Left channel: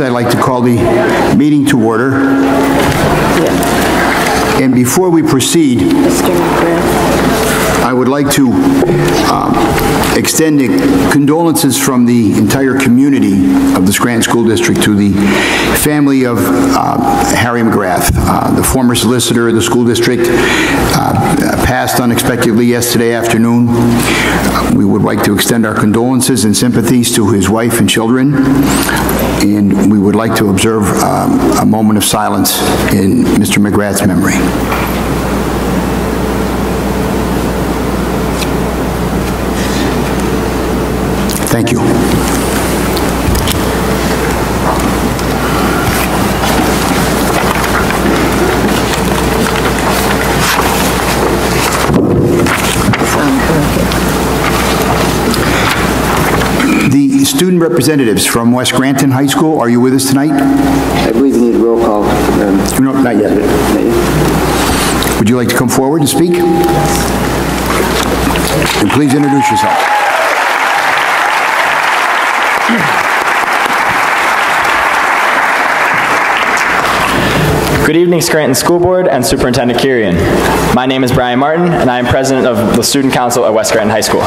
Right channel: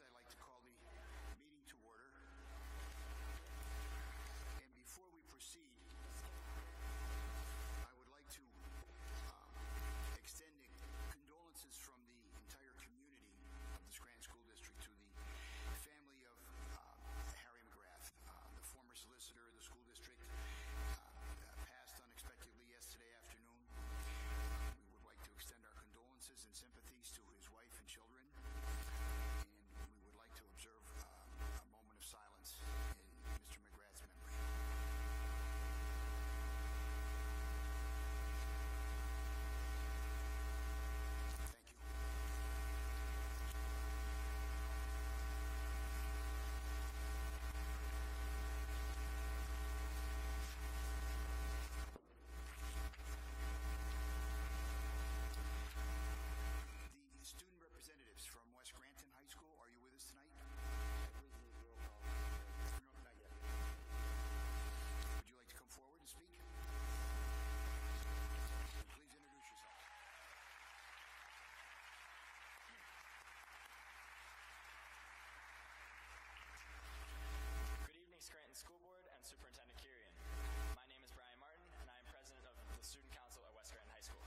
I'd like to call the meeting to order. And before we proceed, I would like to extend condolences from the entire community of the Scranton School District to the family of Harry McGrath, the former solicitor of the school district, passed unexpectedly yesterday afternoon. We would like to extend our condolences and sympathies to his wife and children, and we would like to observe a moment of silence in Mr. McGrath's memory. Thank you. The student representatives from West Scranton High School, are you with us tonight? I believe we need a roll call. No, not yet. Would you like to come forward and speak? And please introduce yourself. Good evening, Scranton School Board and Superintendent Kirian. My name is Brian Martin, and I am president of the Student Council at West Scranton High School.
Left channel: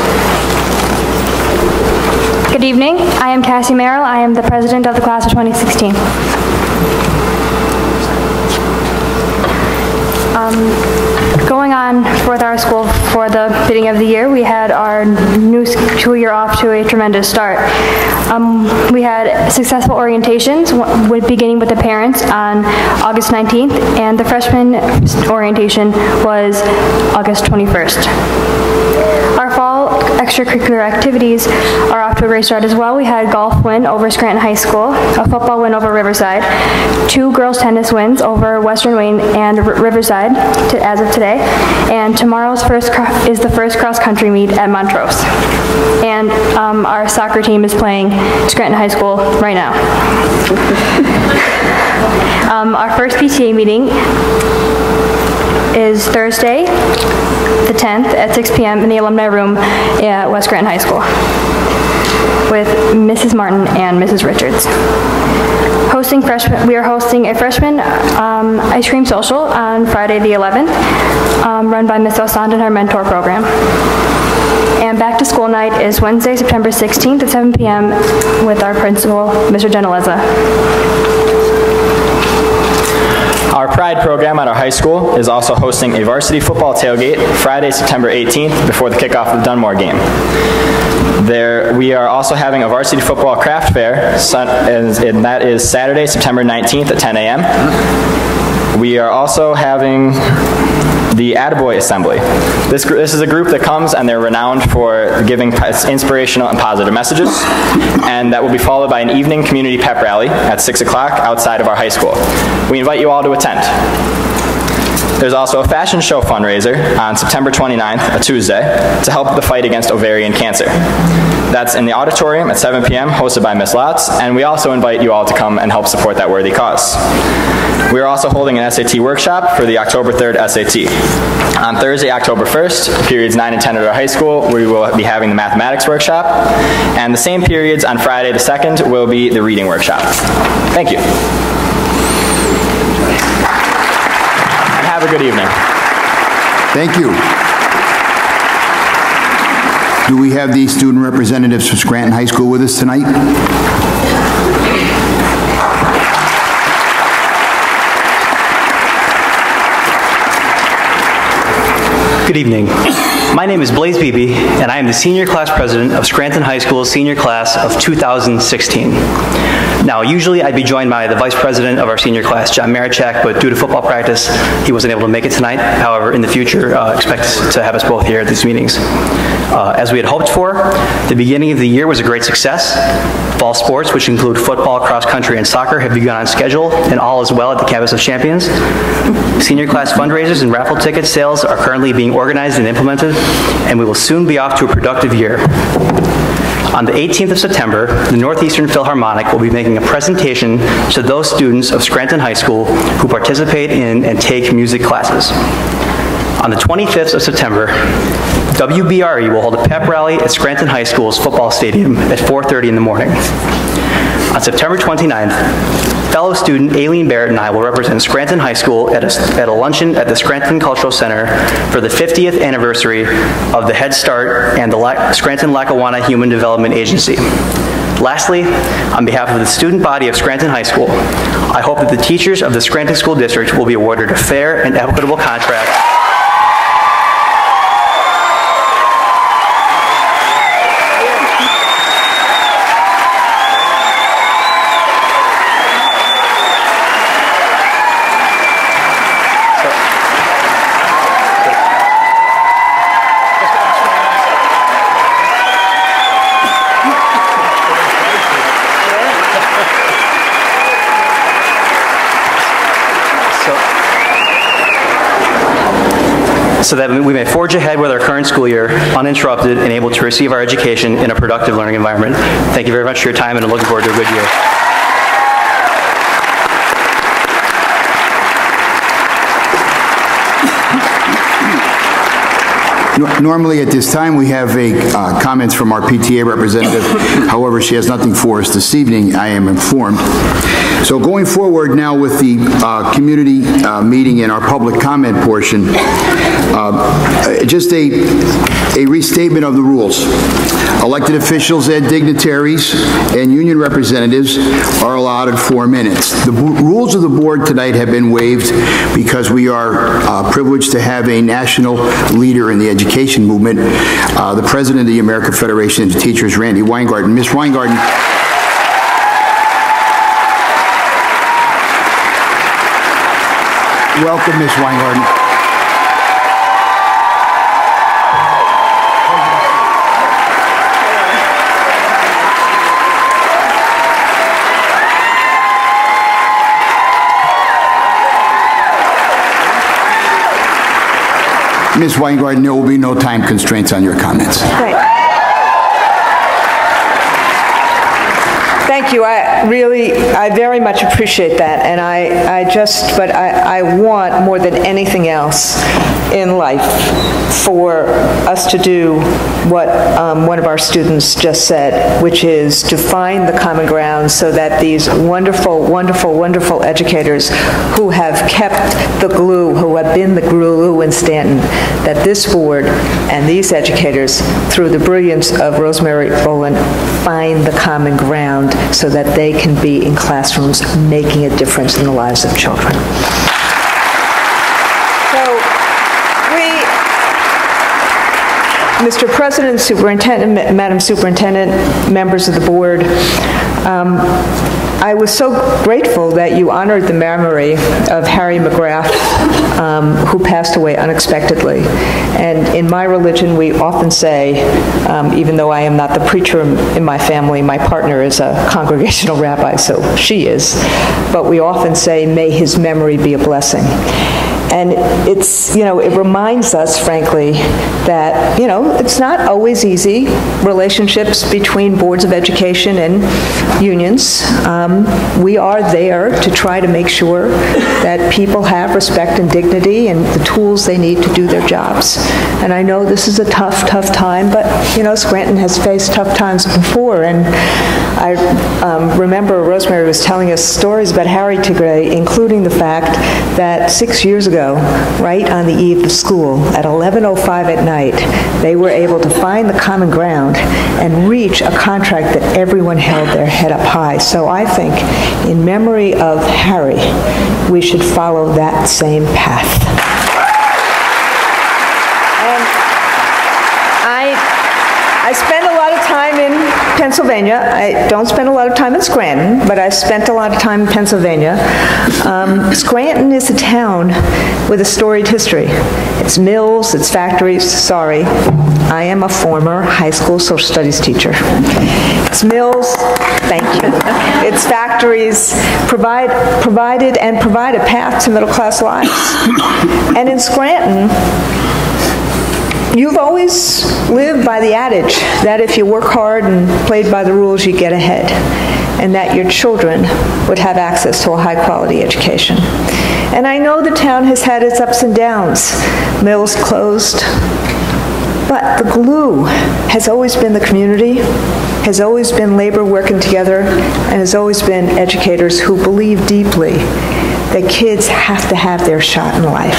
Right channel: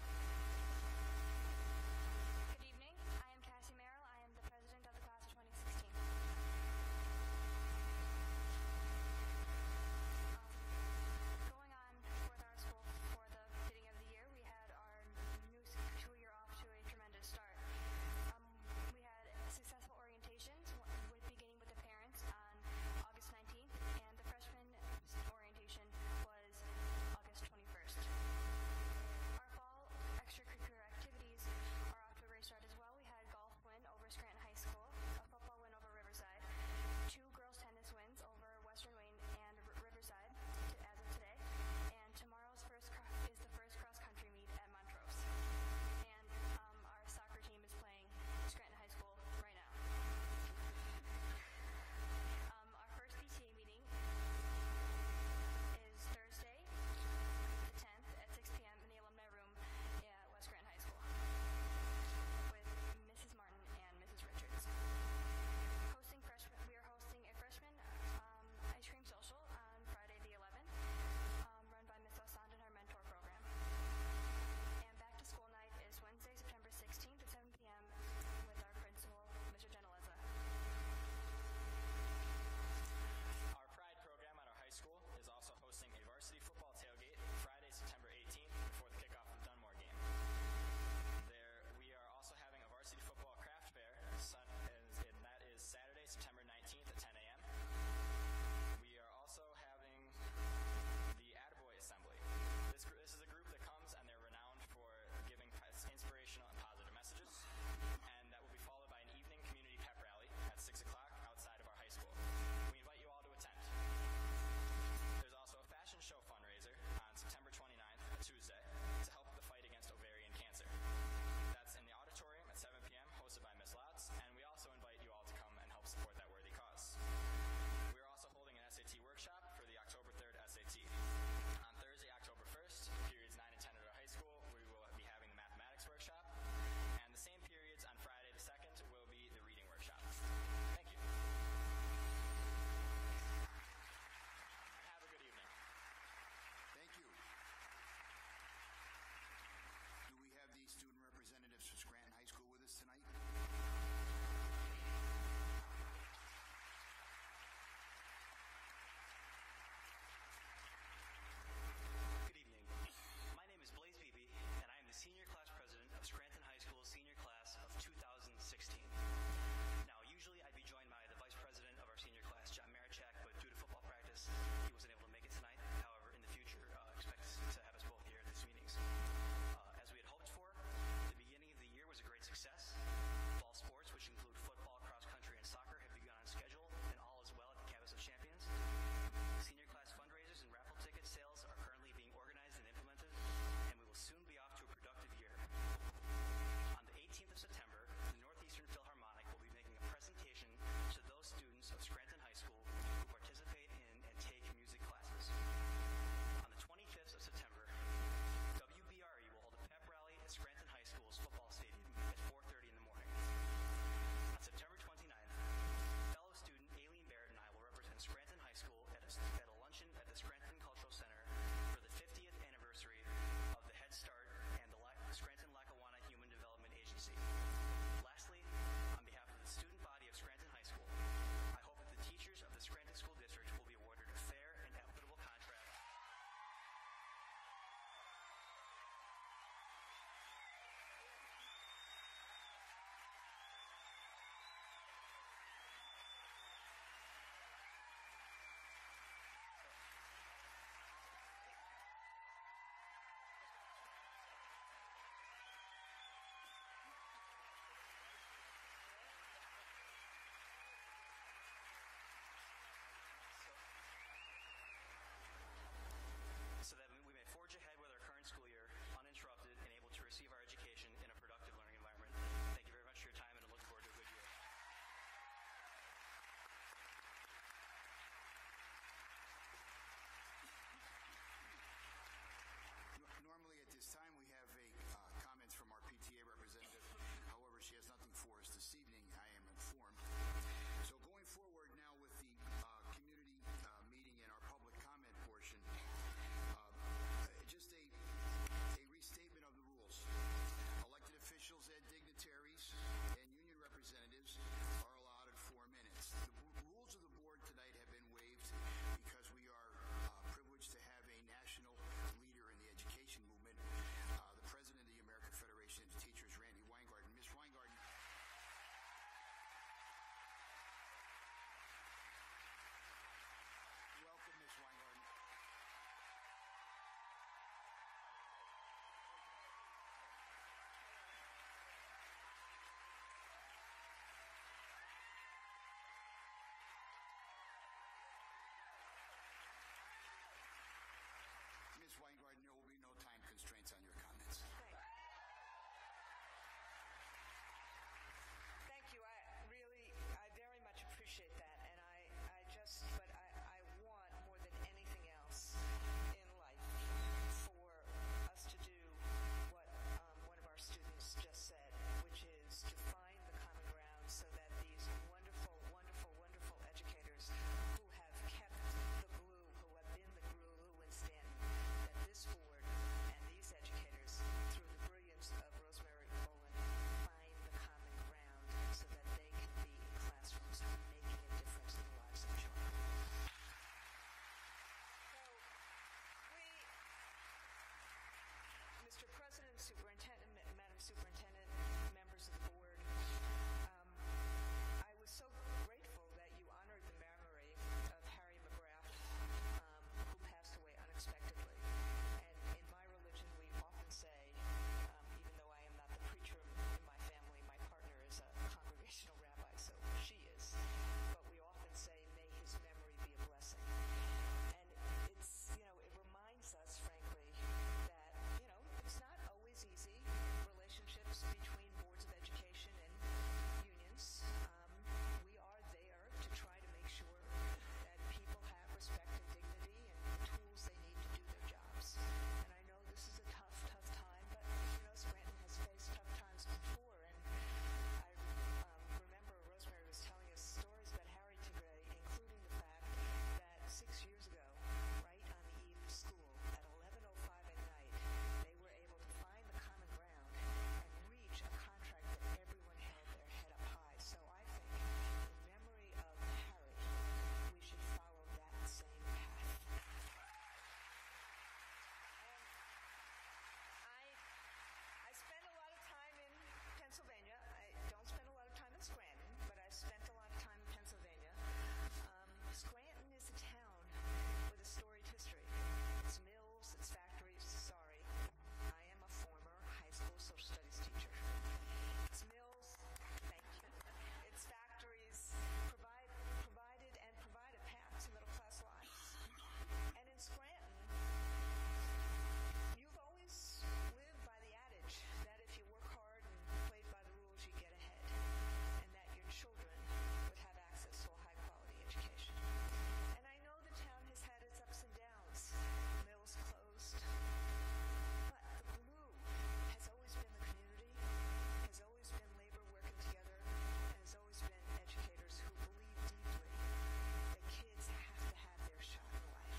Good evening. I am Cassie Merrill. I am the president of the class of 2016. Going on with our school for the beginning of the year, we had our new school year off to a tremendous start. We had successful orientations, beginning with the parents on August 19th, and the freshman orientation was August 21st. Our fall extracurricular activities are off to a great start as well. We had a golf win over Scranton High School, a football win over Riverside, 2 girls tennis wins over Western Wayne and Riverside as of today, and tomorrow's is the first cross-country meet at Montrose. And our soccer team is playing Scranton High School right now. Our first PTA meeting is Thursday, the 10th at 6 p.m. in the alumni room at West Scranton High School with Mrs. Martin and Mrs. Richards. We are hosting a freshman ice cream social on Friday the 11th, run by Ms. Osand and her mentor program. And back to school night is Wednesday, September 16th at 7 p.m. with our principal, Mr. Geneleza. Our Pride program at our high school is also hosting a varsity football tailgate Friday, September 18th before the kickoff of the Dunmore game. We are also having a varsity football craft fair, and that is Saturday, September 19th at 10 a.m. We are also having the Attaboy Assembly. This is a group that comes and they're renowned for giving inspirational and positive messages, and that will be followed by an evening community pep rally at 6 o'clock outside of our high school. We invite you all to attend. There's also a fashion show fundraiser on September 29th, a Tuesday, to help the fight against ovarian cancer. That's in the auditorium at 7 p.m., hosted by Ms. Lotz, and we also invite you all to come and help support that worthy cause. We are also holding an SAT workshop for the October 3rd SAT. On Thursday, October 1st, periods 9 and 10 at our high school, we will be having the mathematics workshop, and the same periods on Friday the 2nd will be the reading workshop. Thank you. And have a good evening. Thank you. Do we have the student representatives from Scranton High School with us tonight? Good evening. My name is Blaze Beebe, and I am the senior class president of Scranton High School's senior class of 2016. Now, usually I'd be joined by the vice president of our senior class, John Marichak, but due to football practice, he wasn't able to make it tonight. However, in the future, expect to have us both here at these meetings. As we had hoped for, the beginning of the year was a great success. Fall sports, which include football, cross country, and soccer, have begun on schedule, and all is well at the campus of Champions. Senior class fundraisers and raffle ticket sales are currently being organized and implemented, and we will soon be off to a productive year. On the 18th of September, the Northeastern Philharmonic will be making a presentation to those students of Scranton High School who participate in and take music classes. On the 25th of September, WBRE will hold a pep rally at Scranton High School's football stadium at 4:30 in the morning. On September 29th, fellow student Aileen Barrett and I will represent Scranton High School at a luncheon at the Scranton Cultural Center for the 50th anniversary of the Head Start and the Scranton-Lackawanna Human Development Agency. Lastly, on behalf of the student body of Scranton High School, I hope that the teachers of the Scranton School District will be awarded a fair and equitable contract so that we may forge ahead with our current school year uninterrupted and able to receive our education in a productive learning environment. Thank you very much for your time, and I'm looking forward to a good year. Normally at this time we have comments from our PTA representative. However, she has nothing for us this evening, I am informed. So going forward now with the community meeting and our public comment portion, just a restatement of the rules. Elected officials and dignitaries and union representatives are allotted 4 minutes. The rules of the board tonight have been waived because we are privileged to have a national leader in the education movement, the president of the American Federation of Teachers, Randy Weingarten. Ms. Weingarten. Welcome, Ms. Weingarten. Ms. Weingarten, there will be no time constraints on your comments. Right. Thank you. I very much appreciate that, and I want more than anything else in life for us to do what one of our students just said, which is to find the common ground so that these wonderful, wonderful, wonderful educators who have kept the glue, who have been the glue in Stanton, that this board and these educators, through the brilliance of Rosemary Boland, find the common ground so that they can be in classrooms making a difference in the lives of children. Mr. President, Superintendent, Madam Superintendent, members of the board, I was so grateful that you honored the memory of Harry McGrath, who passed away unexpectedly. And in my religion, we often say, even though I am not the preacher in my family, my partner is a congregational rabbi, so she is, but we often say, may his memory be a blessing. And it's, it reminds us, frankly, that, it's not always easy, relationships between boards of education and unions. We are there to try to make sure that people have respect and dignity and the tools they need to do their jobs. And I know this is a tough, tough time, but, Scranton has faced tough times before. And I remember Rosemary was telling us stories about Harry today, including the fact that 6 years ago, right on the eve of school, at 11:05 at night, they were able to find the common ground and reach a contract that everyone held their head up high. So I think, in memory of Harry, we should follow that same path. And I spend a lot of time in Pennsylvania. I don't spend a lot of time in Scranton, but I spent a lot of time in Pennsylvania. Scranton is a town with a storied history. It's mills, it's factories. Sorry, I am a former high school social studies teacher. It's mills, thank you. It's factories, provide a path to middle-class lives. And in Scranton, you've always lived by the adage that if you work hard and played by the rules, you get ahead, and that your children would have access to a high-quality education. And I know the town has had its ups and downs. Mills closed, but the glue has always been the community, has always been labor working together and has always been educators who believe deeply that kids have to have their shot in life.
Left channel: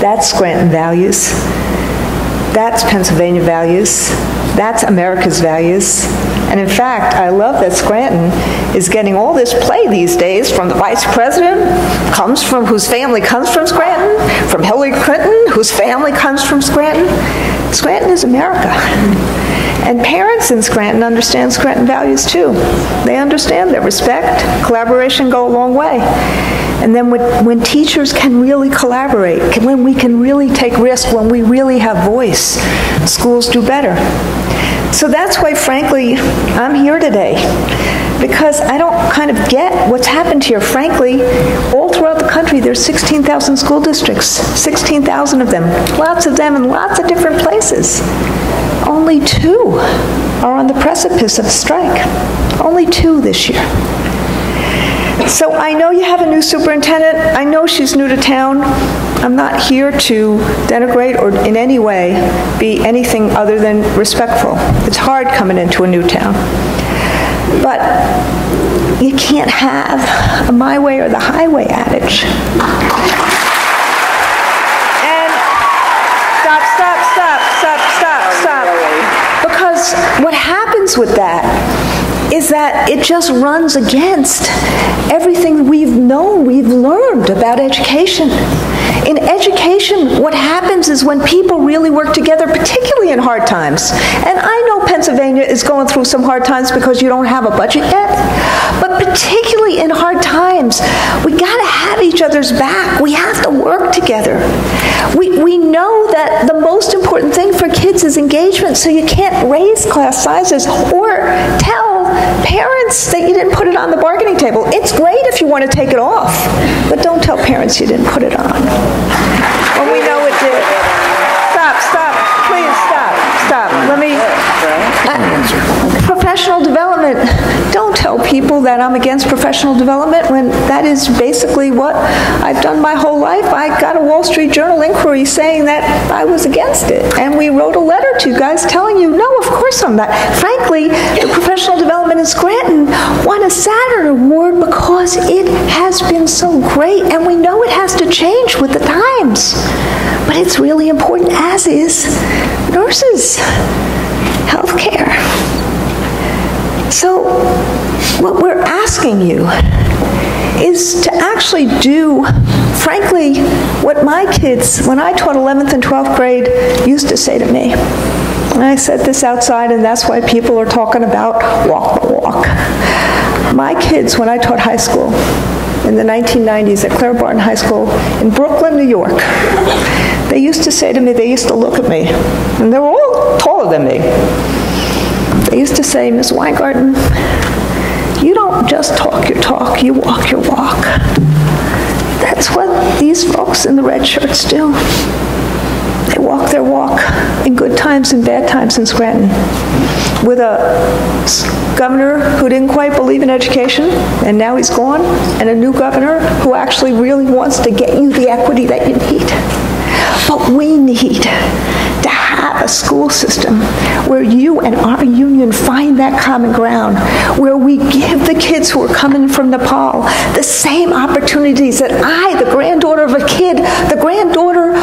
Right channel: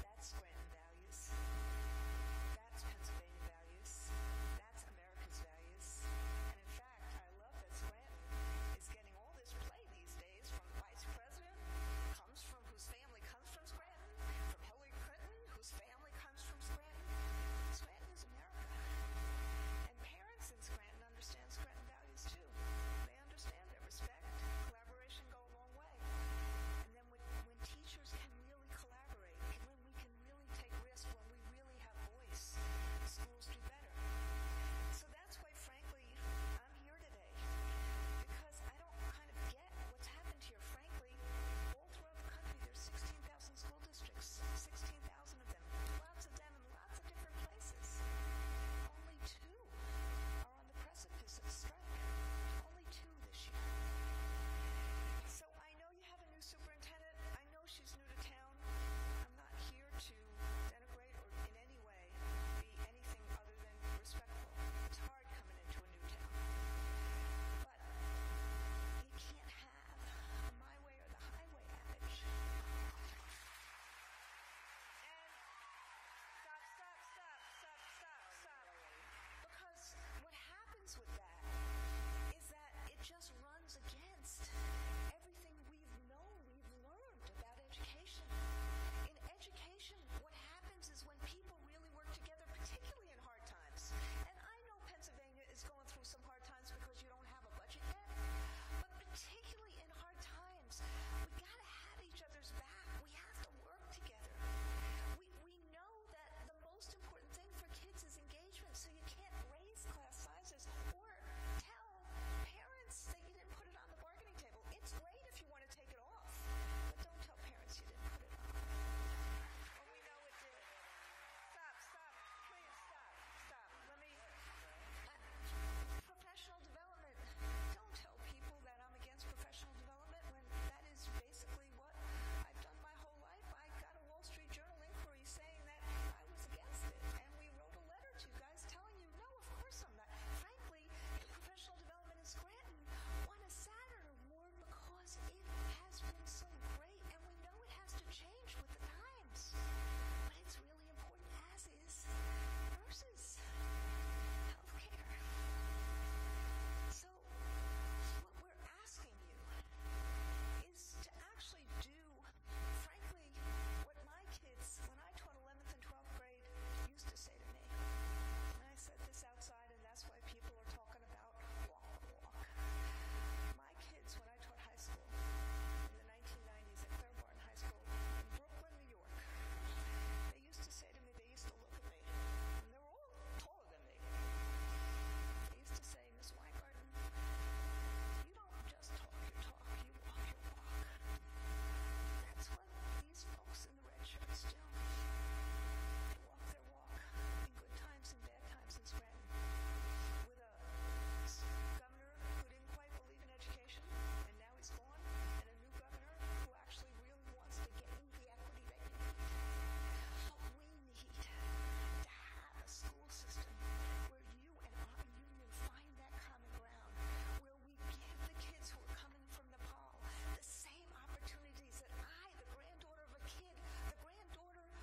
That's Scranton values. That's Pennsylvania values. That's America's values. And in fact, I love that Scranton is getting all this play these days from the vice president, whose family comes from Scranton, from Hillary Clinton, whose family comes from Scranton. Scranton is America. And parents in Scranton understand Scranton values too. They understand that respect, collaboration go a long way. And then when teachers can really collaborate, when we can really take risks, when we really have voice, schools do better. So that's why, frankly, I'm here today, because I don't kind of get what's happened here. Frankly, all throughout the country, there's 16,000 school districts, 16,000 of them in lots of different places. Only 2 are on the precipice of strike. Only 2 this year. So I know you have a new superintendent. I know she's new to town. I'm not here to denigrate or in any way be anything other than respectful. It's hard coming into a new town. But you can't have a my way or the highway adage. And stop. Because what happens with that is that it just runs against everything we've known, we've learned about education. In education, what happens is when people really work together, particularly in hard times, and I know Pennsylvania is going through some hard times because you don't have a budget yet, but particularly in hard times, we got to have each other's back. We have to work together. We know that the most important thing for kids is engagement, so you can't raise class sizes or tell parents that you didn't put it on the bargaining table. It's great if you want to take it off, but don't tell parents you didn't put it on. Well, we know it did. Stop. Please stop. Let me... professional development. Don't tell people that I'm against professional development when that is basically what I've done my whole life. I got a Wall Street Journal inquiry saying that I was against it. And we wrote a letter to you guys telling you, no, of course I'm not. Frankly, the professional development in Scranton won a Saturn Award because it has been so great. And we know it has to change with the times. But it's really important, as is nurses, healthcare. So what we're asking you is to actually do, frankly, what my kids, when I taught 11th and 12th grade, used to say to me. And I said this outside, and that's why people are talking about walk the walk. My kids, when I taught high school in the 1990s at Claire Barton High School in Brooklyn, New York, they used to say to me, they used to look at me, and they were all taller than me. They used to say, Ms. Weingarten, you don't just talk your talk, you walk your walk. That's what these folks in the red shirts do. They walk their walk in good times and bad times in Scranton. With a governor who didn't quite believe in education, and now he's gone, and a new governor who actually really wants to get you the equity that you need. But we need to have a school system where you and our union find that common ground, where we give the kids who are coming from Nepal the same opportunities that I, the granddaughter of a kid, the granddaughter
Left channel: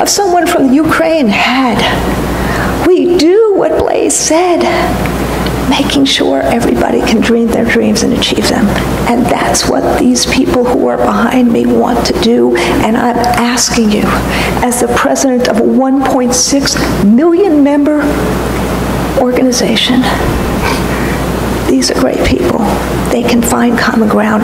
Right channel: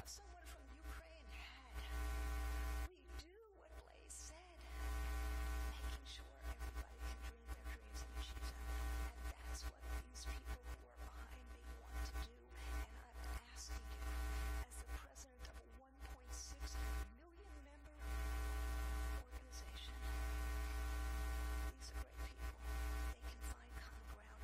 of someone from the Ukraine had. We do what Blaise said, making sure everybody can dream their dreams and achieve them. And that's what these people who are behind me want to do. And I'm asking you, as the president of a 1.6 million member organization, these are great people. They can find common ground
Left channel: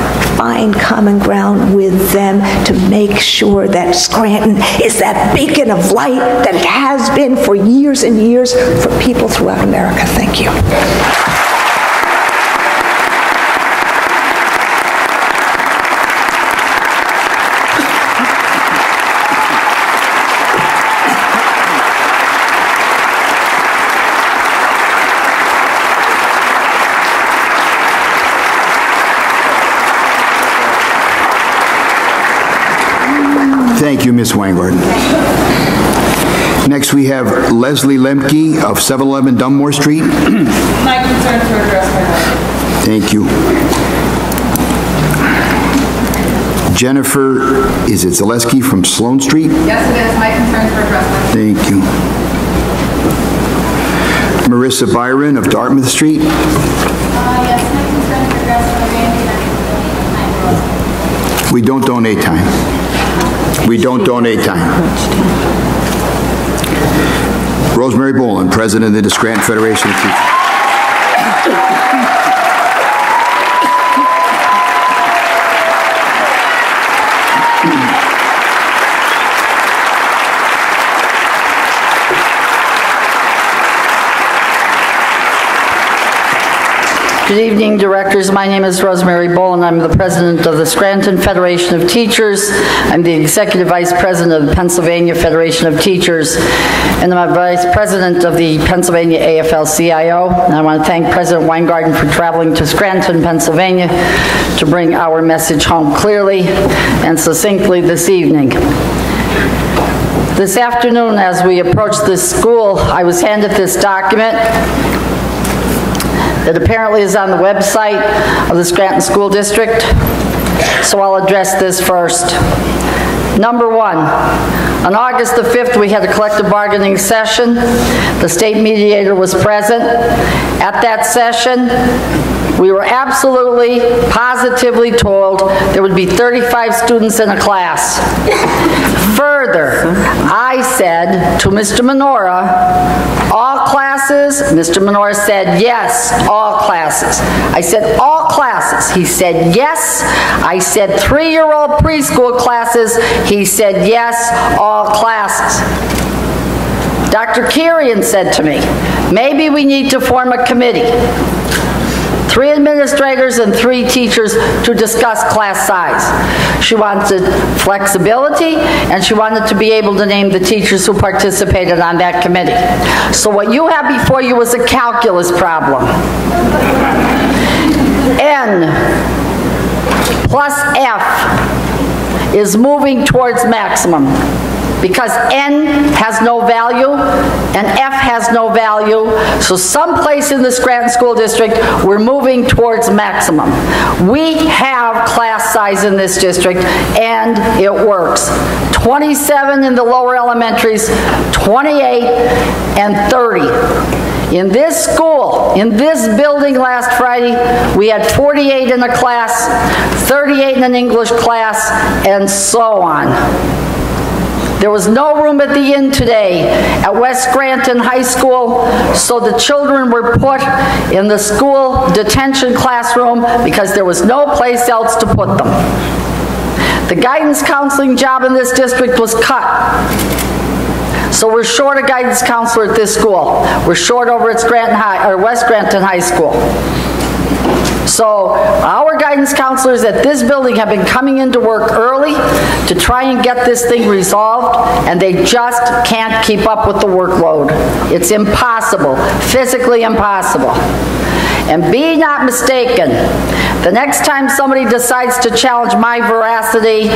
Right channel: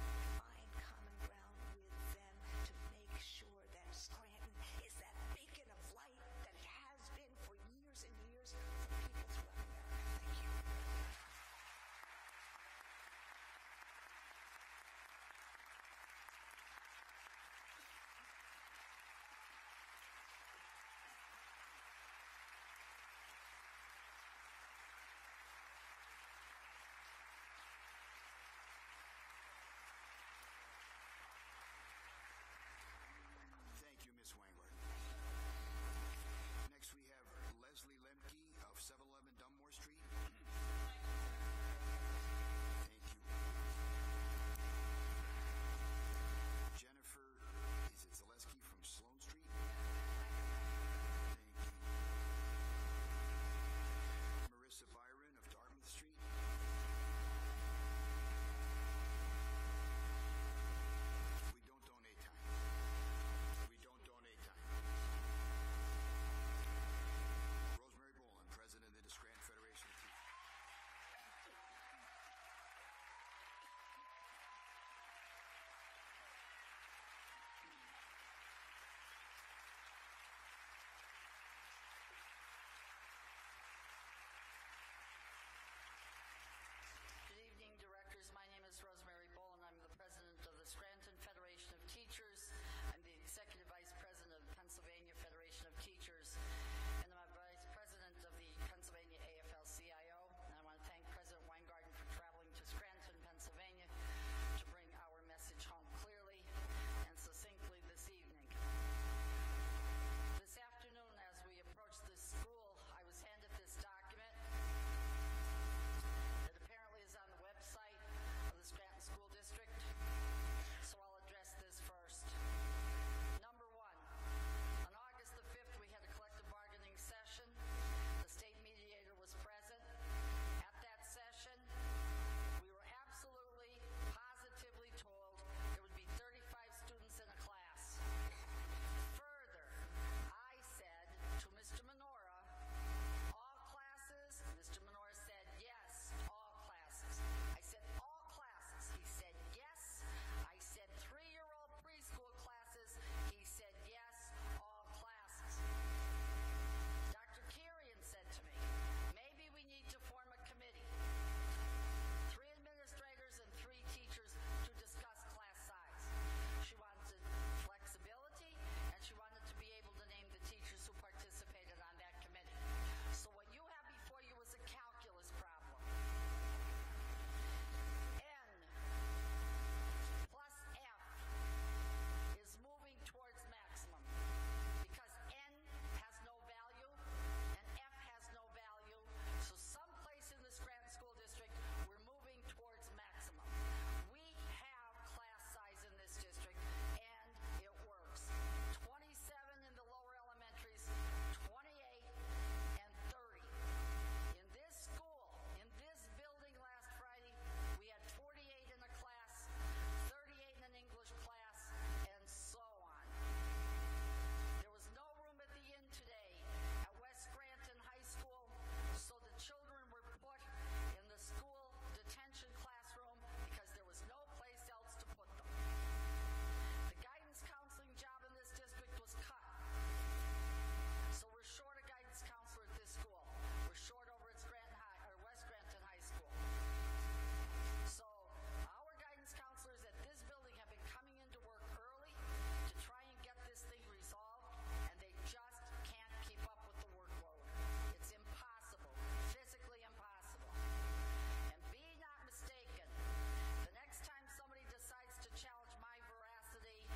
with them to make sure that Scranton is that beacon of light that it has been for years and years for people throughout America. Thank you. Thank you, Ms. Weingarten. Next, we have Leslie Lemke of 711 Dunmore Street. My concerns were addressed by that. Thank you. Jennifer, is it Zaleski from Sloan Street? Yes, it is. My concerns were addressed by that. Thank you. Marissa Byron of Dartmouth Street. Yes, my concerns were addressed by Randy. We don't donate time. We don't donate time. Rosemary Boland, President of the Scranton Federation of Teachers. Good evening, directors. My name is Rosemary Boland. I'm the president of the Scranton Federation of Teachers. I'm the executive vice president of the Pennsylvania Federation of Teachers, and I'm a vice president of the Pennsylvania AFL-CIO. And I want to thank President Weingarten for traveling to Scranton, Pennsylvania to bring our message home clearly and succinctly this evening. This afternoon, as we approached this school, I was handed this document that apparently is on the website of the Scranton School District, so I'll address this first. Number one, on August the 5th, we had a collective bargaining session. The state mediator was present. At that session, we were absolutely, positively told there would be 35 students in a class. Further, I said to Mr. Menorah, all classes? Mr. Menorah said, yes, all classes. I said, all classes. He said, yes. I said, 3-year-old preschool classes. He said, yes, all classes. Dr. Kirian said to me, maybe we need to form a committee. 3 administrators and 3 teachers to discuss class size. She wanted flexibility, and she wanted to be able to name the teachers who participated on that committee. So what you have before you is a calculus problem. N plus F is moving towards maximum, because N has no value and F has no value. So someplace in the Scranton School District, we're moving towards maximum. We have class size in this district, and it works. 27 in the lower elementaries, 28 and 30. In this school, in this building last Friday, we had 48 in a class, 38 in an English class, and so on. There was no room at the inn today at West Scranton High School, so the children were put in the school detention classroom because there was no place else to put them. The guidance counseling job in this district was cut. So we're short a guidance counselor at this school. We're short over at Scranton High, or West Scranton High School. So our guidance counselors at this building have been coming into work early to try and get this thing resolved, and they just can't keep up with the workload. It's impossible, physically impossible. And be not mistaken, the next time somebody decides to challenge my veracity,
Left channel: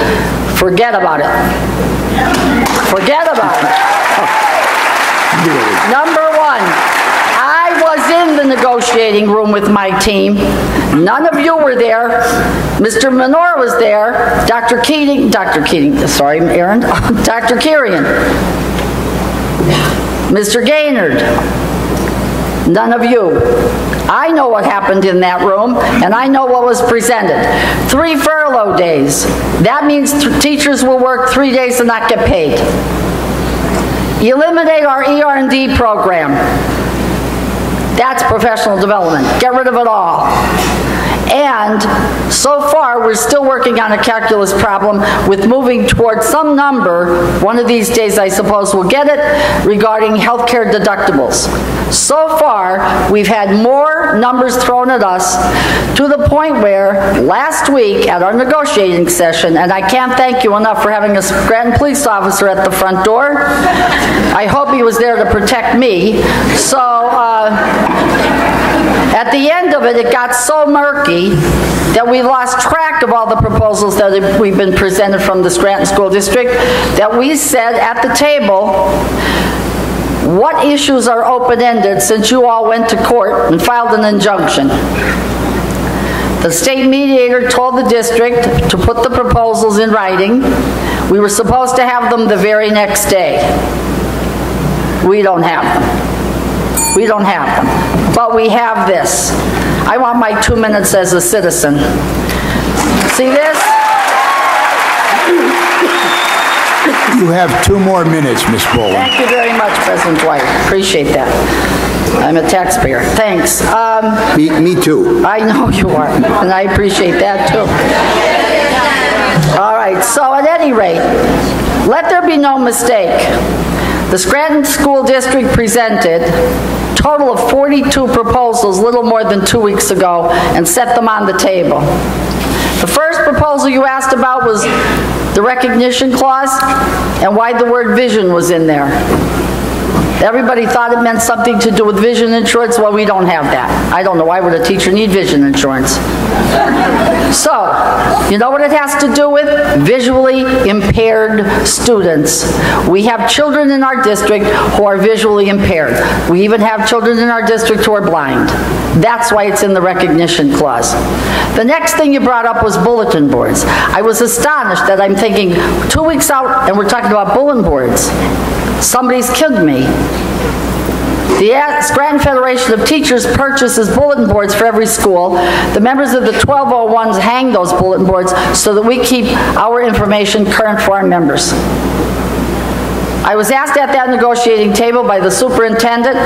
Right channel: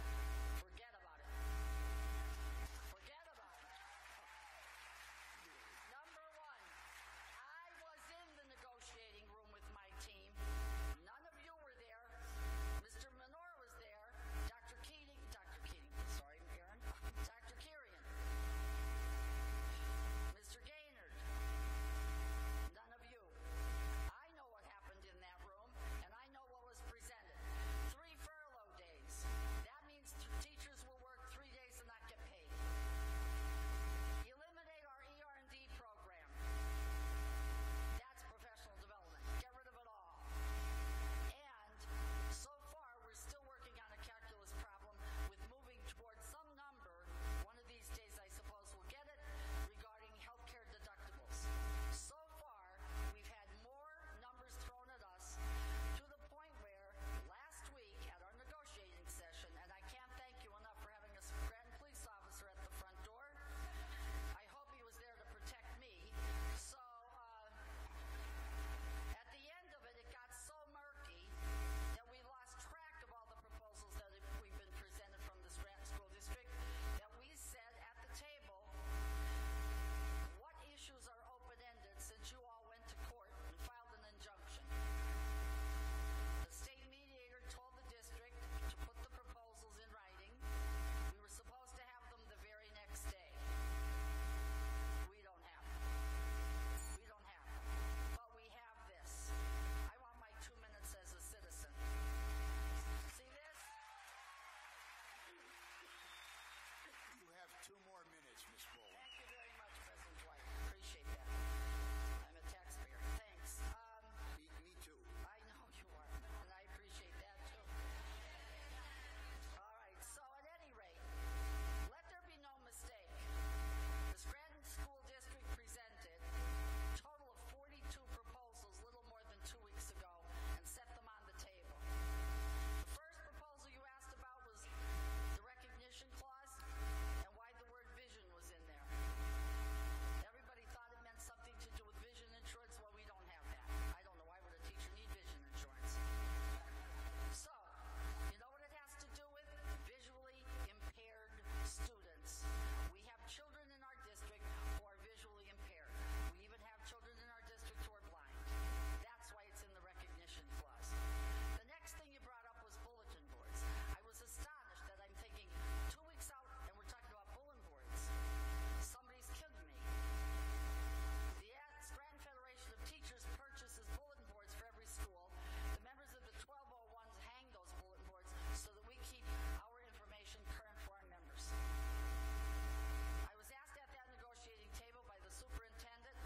forget about it. Forget about it. Number one, I was in the negotiating room with my team. None of you were there. Mr. Menorah was there. Dr. Kirian. Mr. Gaynard. None of you. I know what happened in that room, and I know what was presented. 3 furlough days. That means teachers will work 3 days and not get paid. Eliminate our ER&D program. That's professional development. Get rid of it all. And so far, we're still working on a calculus problem with moving towards some number, one of these days I suppose we'll get it, regarding healthcare deductibles. So far, we've had more numbers thrown at us to the point where last week at our negotiating session, and I can't thank you enough for having a Scranton police officer at the front door. I hope he was there to protect me. So, at the end of it, it got so murky that we lost track of all the proposals that we've been presented from the Scranton School District, that we said at the table, What issues are open-ended since you all went to court and filed an injunction? The state mediator told the district to put the proposals in writing. We were supposed to have them the very next day. We don't have them. We don't have them. But we have this. I want my 2 minutes as a citizen. See this? You have 2 more minutes, Ms. Boland. Thank you very much, President Dwight. Appreciate that. I'm a taxpayer. Thanks. Me too. I know you are, and I appreciate that too. All right, so at any rate, let there be no mistake. The Scranton School District presented a total of 42 proposals little more than 2 weeks ago and set them on the table. The first proposal you asked about was the recognition clause and why the word vision was in there. Everybody thought it meant something to do with vision insurance. Well, we don't have that. I don't know, why would a teacher need vision insurance? So, you know what it has to do with? Visually impaired students. We have children in our district who are visually impaired. We even have children in our district who are blind. That's why it's in the recognition clause. The next thing you brought up was bulletin boards. I was astonished that I'm thinking 2 weeks out and we're talking about bulletin boards. Somebody's kidding me. The Scranton Federation of Teachers purchases bulletin boards for every school. The members of the 1201s hang those bulletin boards so that we keep our information current for our members. I was asked at that negotiating table by the superintendent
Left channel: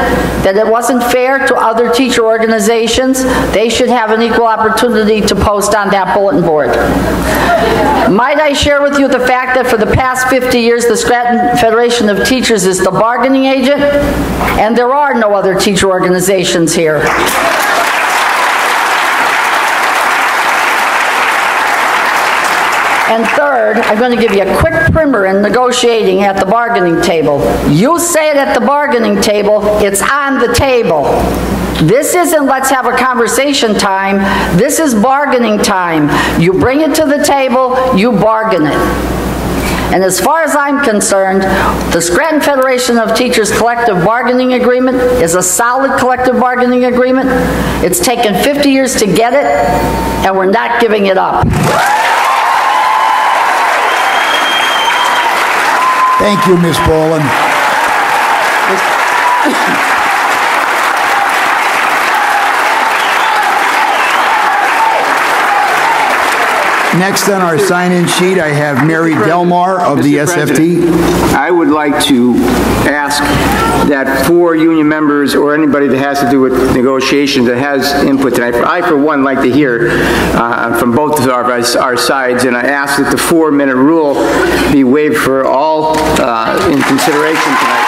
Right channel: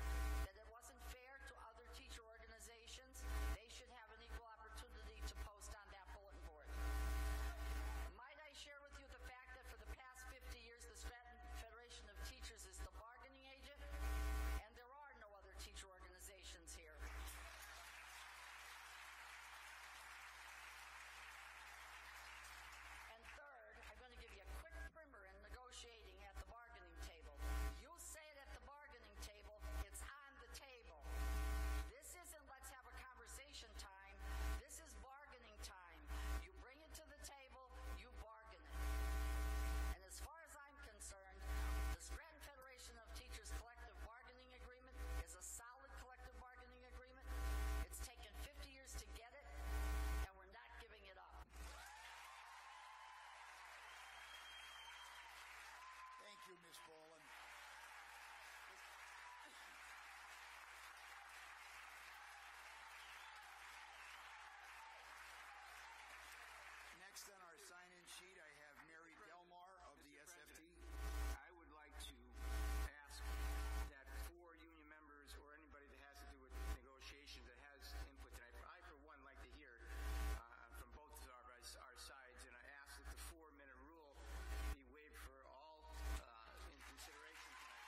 that it wasn't fair to other teacher organizations. They should have an equal opportunity to post on that bulletin board. Might I share with you the fact that for the past 50 years, the Scranton Federation of Teachers is the bargaining agent, and there are no other teacher organizations here. And third, I'm going to give you a quick primer in negotiating at the bargaining table. You say it at the bargaining table, it's on the table. This isn't let's have a conversation time. This is bargaining time. You bring it to the table, you bargain it. And as far as I'm concerned, the Scranton Federation of Teachers collective bargaining agreement is a solid collective bargaining agreement. It's taken 50 years to get it, and we're not giving it up. Thank you, Ms. Boland. Next on our sign-in sheet, I have Mary Delmar of the SFT. I would like to ask that for union members or anybody that has to do with negotiations that has input tonight, I for one like to hear from both of our sides, and I ask that the 4-minute rule be waived for all in consideration tonight.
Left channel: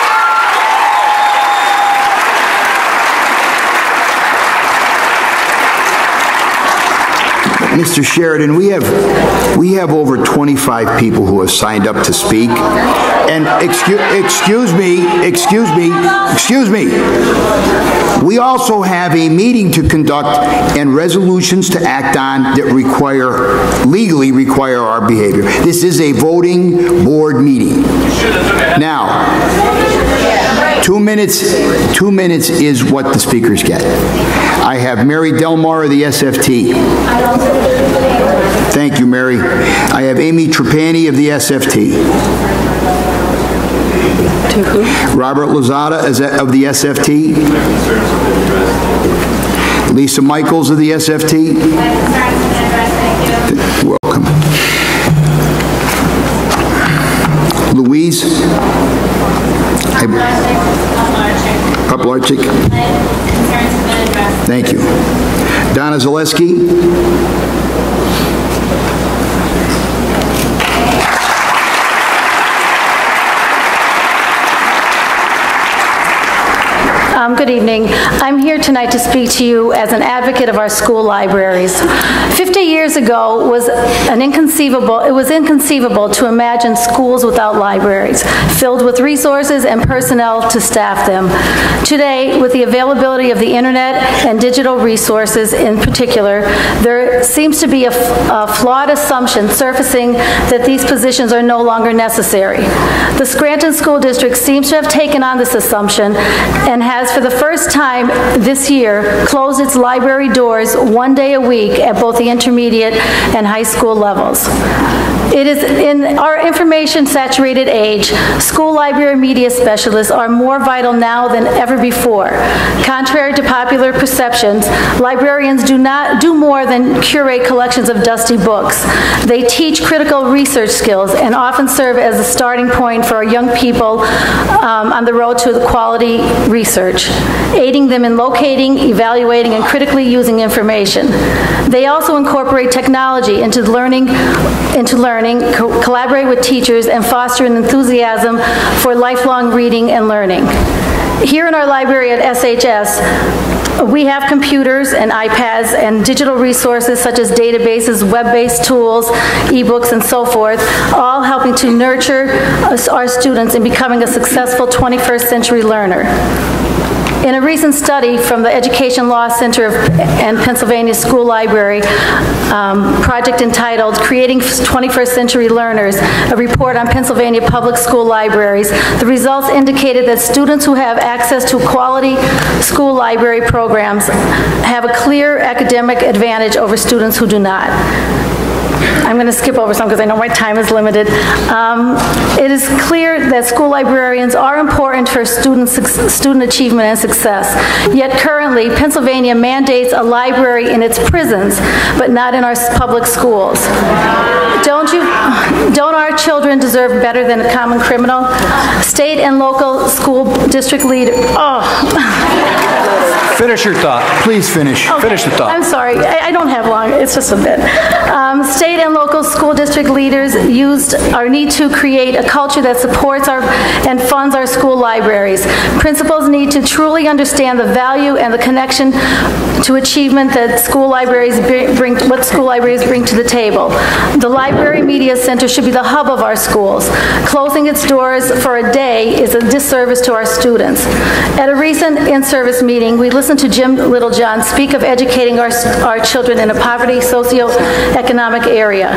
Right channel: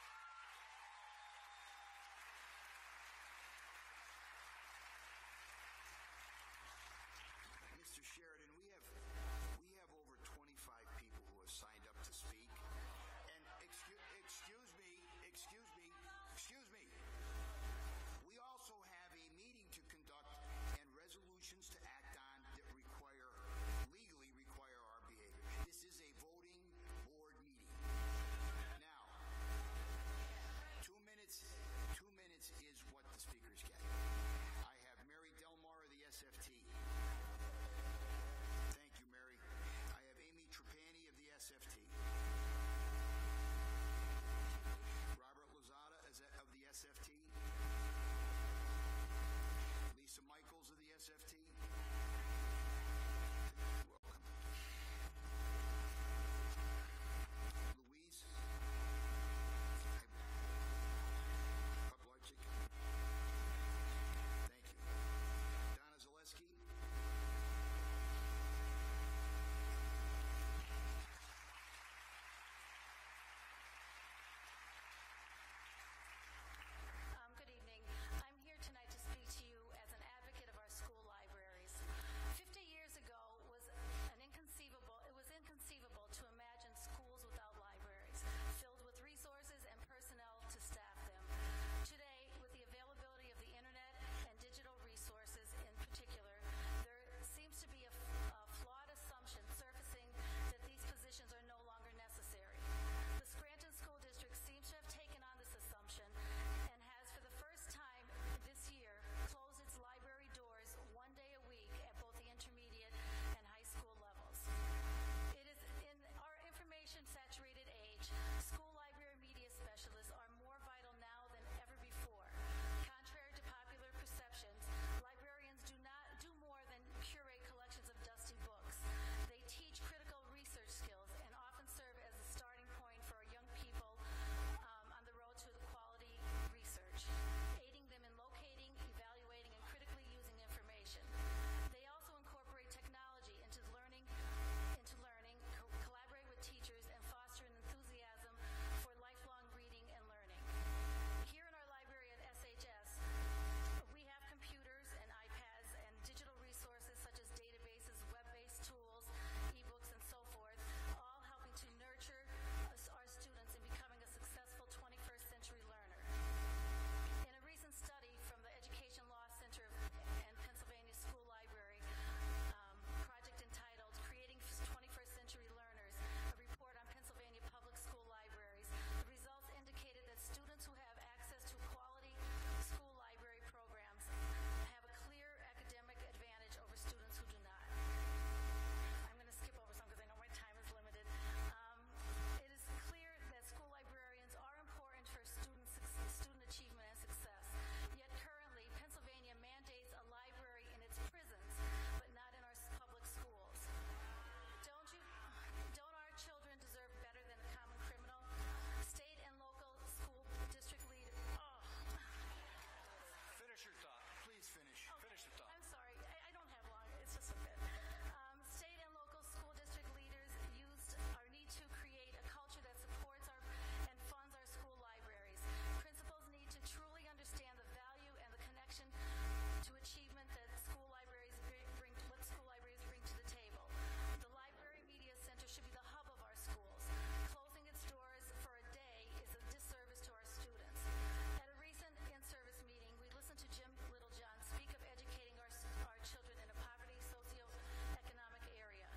Mr. Sheridan, we have over 25 people who have signed up to speak. And excuse me. We also have a meeting to conduct and resolutions to act on that legally require our behavior. This is a voting board meeting. Now, 2 minutes is what the speakers get. I have Mary Delmar of the SFT. Thank you, Mary. I have Amy Trapani of the SFT. Robert Lozada of the SFT. Lisa Michaels of the SFT. Welcome. Louise. Poplarczyk. Thank you. Donna Zaleski. Good evening. I'm here tonight to speak to you as an advocate of our school libraries. 50 years ago was inconceivable to imagine schools without libraries, filled with resources and personnel to staff them. Today, with the availability of the internet and digital resources in particular, there seems to be a flawed assumption surfacing that these positions are no longer necessary. The Scranton School District seems to have taken on this assumption and has, for the first time this year, closed its library doors one day a week at both the intermediate and high school levels. It is in our information-saturated age, school library media specialists are more vital now than ever before. Contrary to popular perceptions, librarians do not do more than curate collections of dusty books. They teach critical research skills and often serve as a starting point for our young people on the road to quality research, aiding them in locating, evaluating, and critically using information. They also incorporate technology into learning, collaborate with teachers, and foster an enthusiasm for lifelong reading and learning. Here in our library at SHS, we have computers and iPads and digital resources such as databases, web-based tools, ebooks, and so forth, all helping to nurture our students in becoming a successful 21st century learner. In a recent study from the Education Law Center and Pennsylvania School Library project entitled Creating 21st Century Learners, a report on Pennsylvania public school libraries, the results indicated that students who have access to quality school library programs have a clear academic advantage over students who do not. I'm going to skip over some because I know my time is limited. It is clear that school librarians are important for student achievement and success. Yet currently, Pennsylvania mandates a library in its prisons, but not in our public schools. Don't our children deserve better than a common criminal? State and local school district leaders. Finish your thought. Please finish. Okay. Finish the thought. I'm sorry. I don't have long. It's just a bit. State and local school district leaders need to create a culture that supports and funds our school libraries. Principals need to truly understand the value and the connection to achievement that school libraries bring to the table. The Library Media Center should be the hub of our schools. Closing its doors for a day is a disservice to our students. At a recent in-service meeting, we listened to Jim Littlejohn speak of educating our children in a poverty socioeconomic area.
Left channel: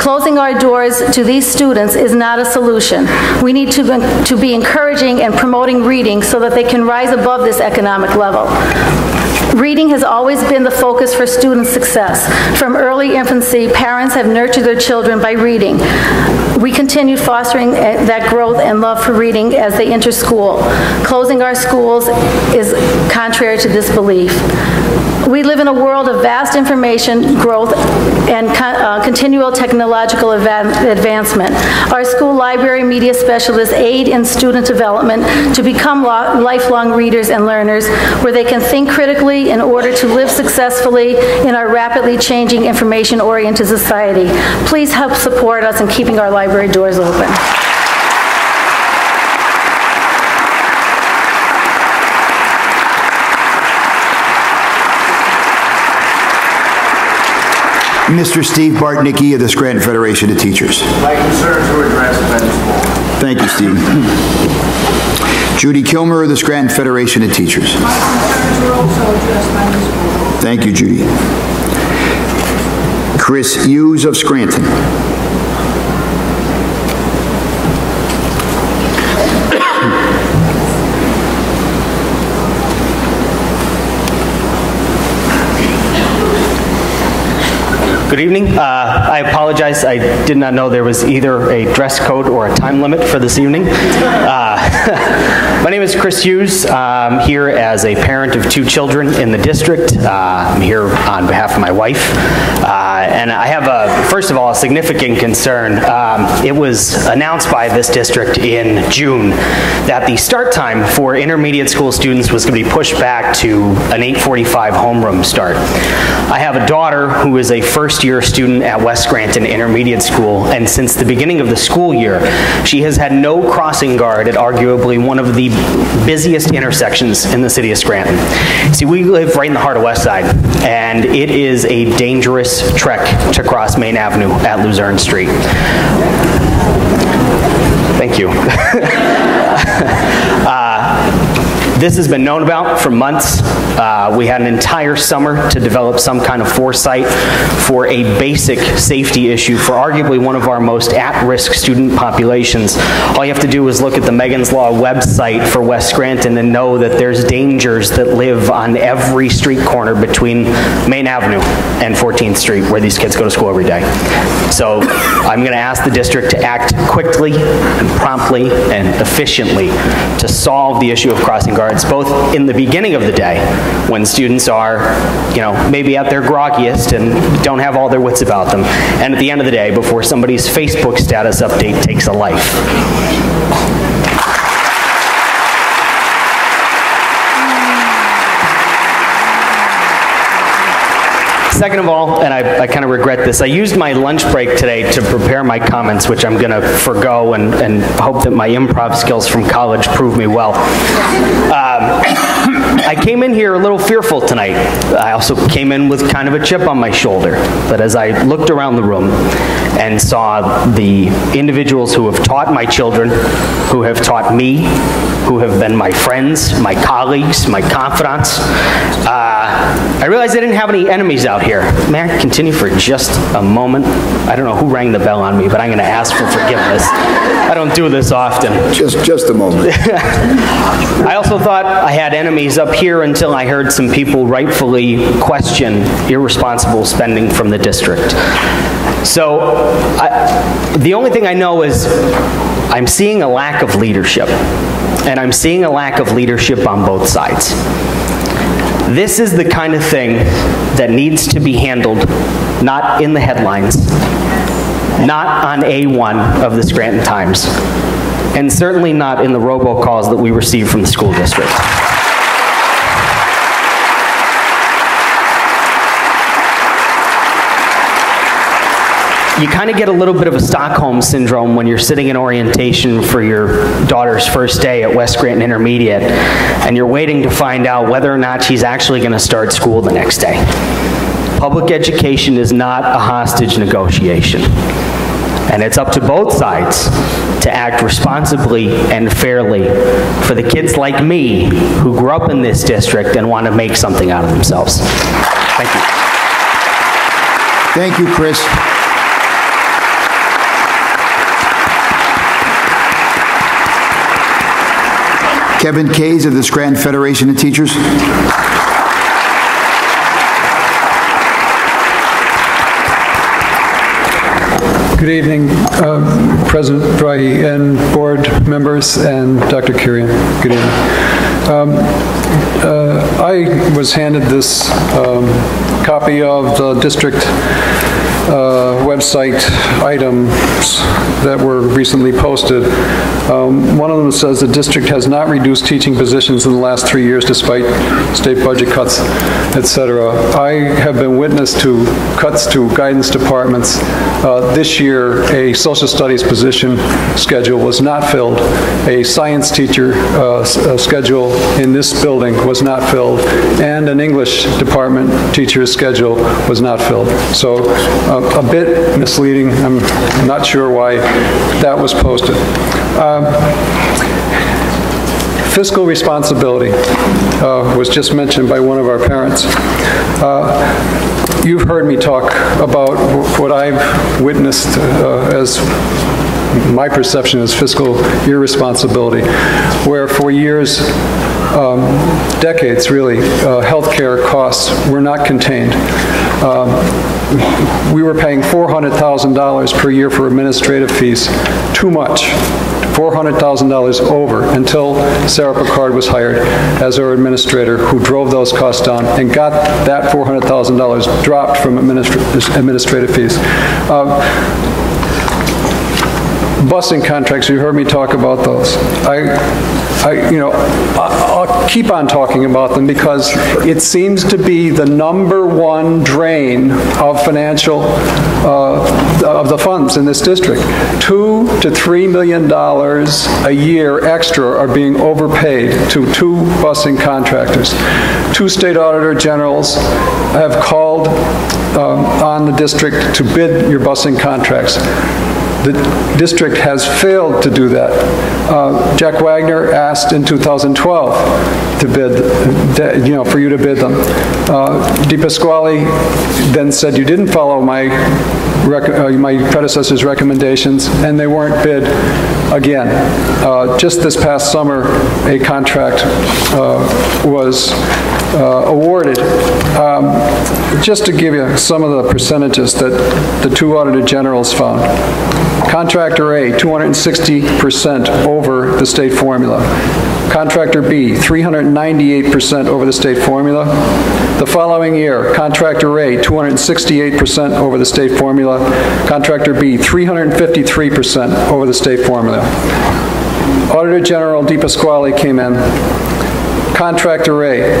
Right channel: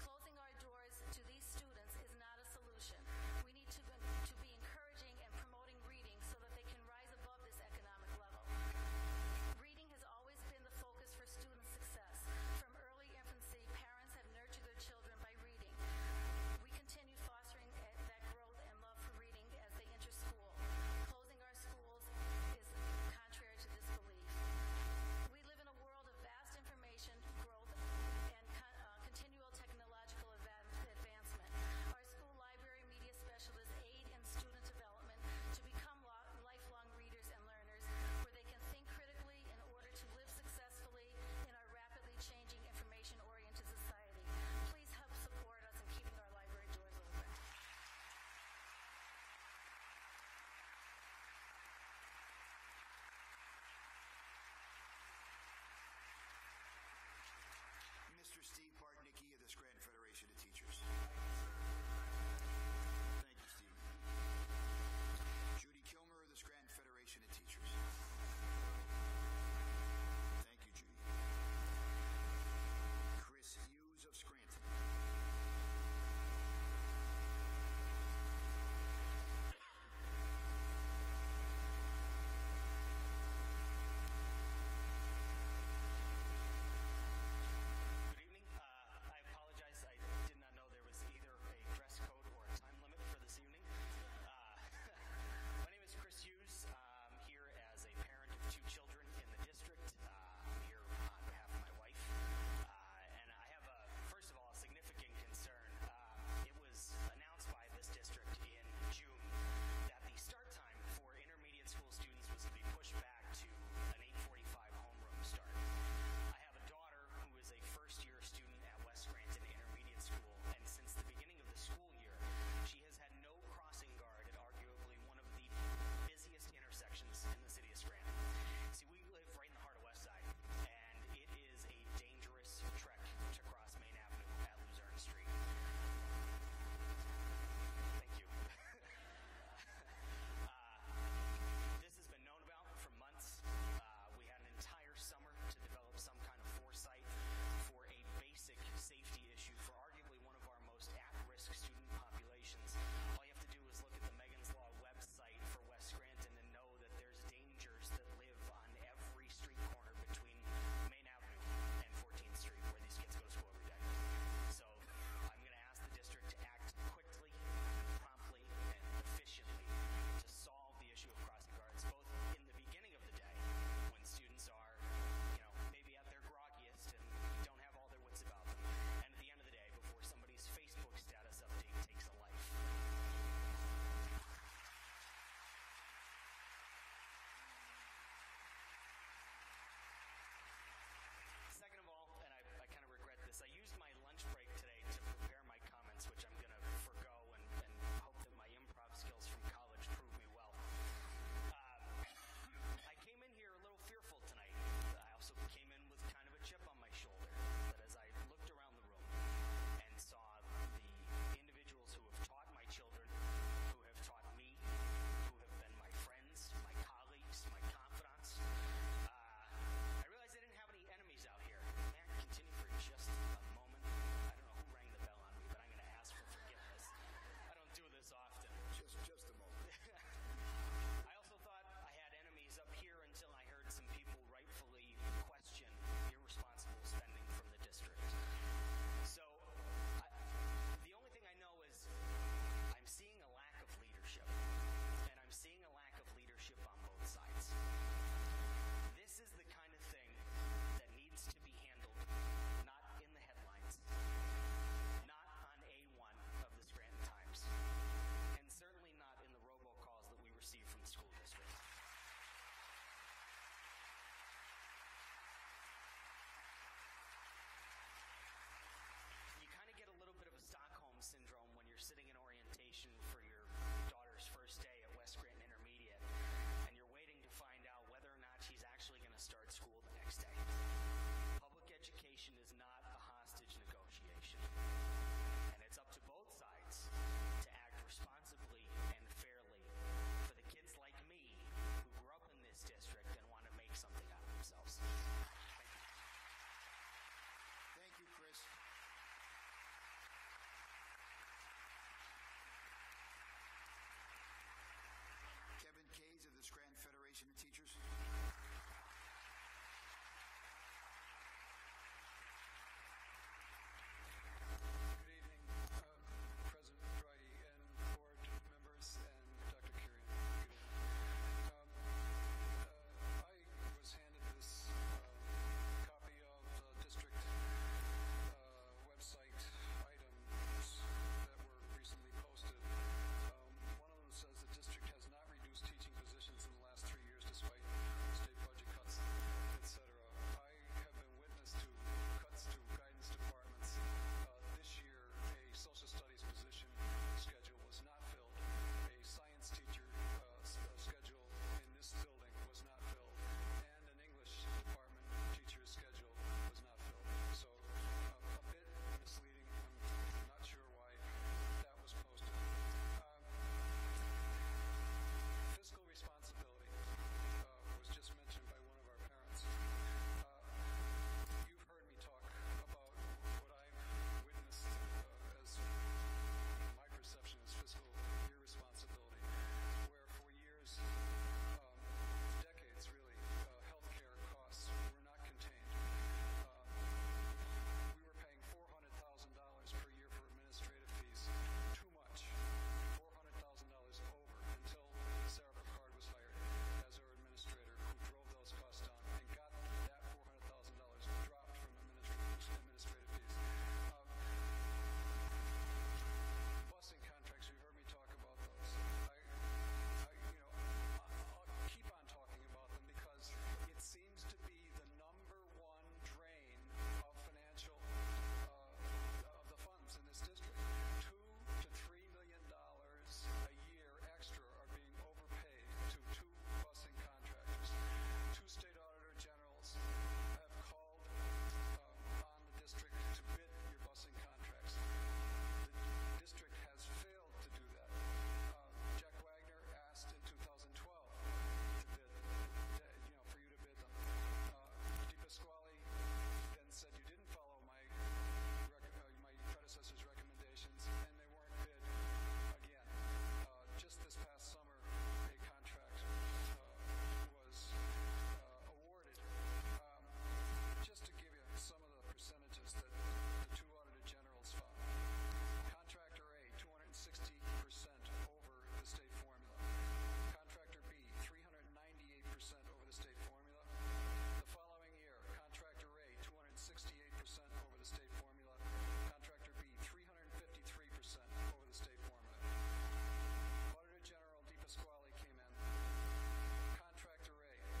Closing our doors to these students is not a solution. We need to be encouraging and promoting reading so that they can rise above this economic level. Reading has always been the focus for student success. From early infancy, parents have nurtured their children by reading. We continue fostering that growth and love for reading as they enter school. Closing our schools is contrary to this belief. We live in a world of vast information growth and continual technological advancement. Our school library media specialists aid in student development to become lifelong readers and learners where they can think critically in order to live successfully in our rapidly changing information-oriented society. Please help support us in keeping our library doors open. Mr. Steve Bartnicki of the Scranton Federation of Teachers. My concerns were addressed by the school. Thank you, Steve. Judy Kilmer of the Scranton Federation of Teachers. My concerns were also addressed by the school. Thank you, Judy. Chris Hughes of Scranton. Good evening. I apologize. I did not know there was either a dress code or a time limit for this evening. My name is Chris Hughes. I'm here as a parent of 2 children in the district. I'm here on behalf behalf of my wife. And I have, first of all, a significant concern. It was announced by this district in June that the start time for intermediate school students was going to be pushed back to an 8:45 homeroom start. I have a daughter who is a first-year student at West Scranton Intermediate School, and since the beginning of the school year, she has had no crossing guard at arguably one of the busiest intersections in the city of Scranton. See, we live right in the heart of West Side, and it is a dangerous trek to cross Main Avenue at Luzerne Street. Thank you. This has been known about for months. We had an entire summer to develop some kind of foresight for a basic safety issue for arguably one of our most at-risk student populations. All you have to do is look at the Megan's Law website for West Scranton and know that there's dangers that live on every street corner between Main Avenue and 14th Street where these kids go to school every day. So I'm going to ask the district to act quickly and promptly and efficiently to solve the issue of crossing guards, both in the beginning of the day when students are, maybe at their groggiest and don't have all their wits about them, and at the end of the day before somebody's Facebook status update takes a life. Second of all, and I kind of regret this, I used my lunch break today to prepare my comments, which I'm going to forgo and hope that my improv skills from college prove me well. I came in here a little fearful tonight. I also came in with kind of a chip on my shoulder. But as I looked around the room and saw the individuals who have taught my children, who have taught me, who have been my friends, my colleagues, my confidants, I realized I didn't have any enemies out here. May I continue for just a moment? I don't know who rang the bell on me, but I'm going to ask for forgiveness. I don't do this often. Just a moment. I also thought I had enemies up here until I heard some people rightfully question irresponsible spending from the district. So the only thing I know is I'm seeing a lack of leadership. And I'm seeing a lack of leadership on both sides. This is the kind of thing that needs to be handled not in the headlines, not on A1 of the Scranton Times, and certainly not in the robocalls that we receive from the school district. You kind of get a little bit of a Stockholm syndrome when you're sitting in orientation for your daughter's first day at West Scranton Intermediate, and you're waiting to find out whether or not she's actually going to start school the next day. Public education is not a hostage negotiation, and it's up to both sides to act responsibly and fairly for the kids like me who grew up in this district and want to make something out of themselves. Thank you. Thank you, Chris. Kevin Kays of the Scranton Federation of Teachers. Good evening, President Brahe and board members and Dr. Kurian. Good evening. I was handed this copy of the district website items that were recently posted. One of them says the district has not reduced teaching positions in the last 3 years despite state budget cuts, etc. I have been witness to cuts to guidance departments. This year, a social studies position schedule was not filled. A science teacher schedule in this building was not filled, and an English department teacher's schedule was not filled. So a bit misleading. I'm not sure why that was posted. Fiscal responsibility was just mentioned by one of our parents. You've heard me talk about what I've witnessed as my perception is fiscal irresponsibility, where for years, decades really, healthcare costs were not contained. We were paying $400,000 per year for administrative fees, too much $400,000 over until Sarah Picard was hired as our administrator, who drove those costs down and got that $400,000 dropped from administrative fees. Busing contracts, you heard me talk about those. I'll keep on talking about them because it seems to be the #1 drain of financial, of the funds in this district. $2 to $3 million a year extra are being overpaid to 2 busing contractors. 2 state auditor generals have called on the district to bid your busing contracts. The district has failed to do that. Jack Wagner asked in 2012 to bid, for you to bid them. DePasquale then said you didn't follow my predecessor's recommendations, and they weren't bid again. Just this past summer, a contract was awarded. Just to give you some of the percentages that the 2 auditor generals found. Contractor A, 260% over the state formula. Contractor B, 398% over the state formula. The following year, Contractor A, 268% over the state formula. Contractor B, 353% over the state formula. Auditor General DePasquale came in. Contractor A,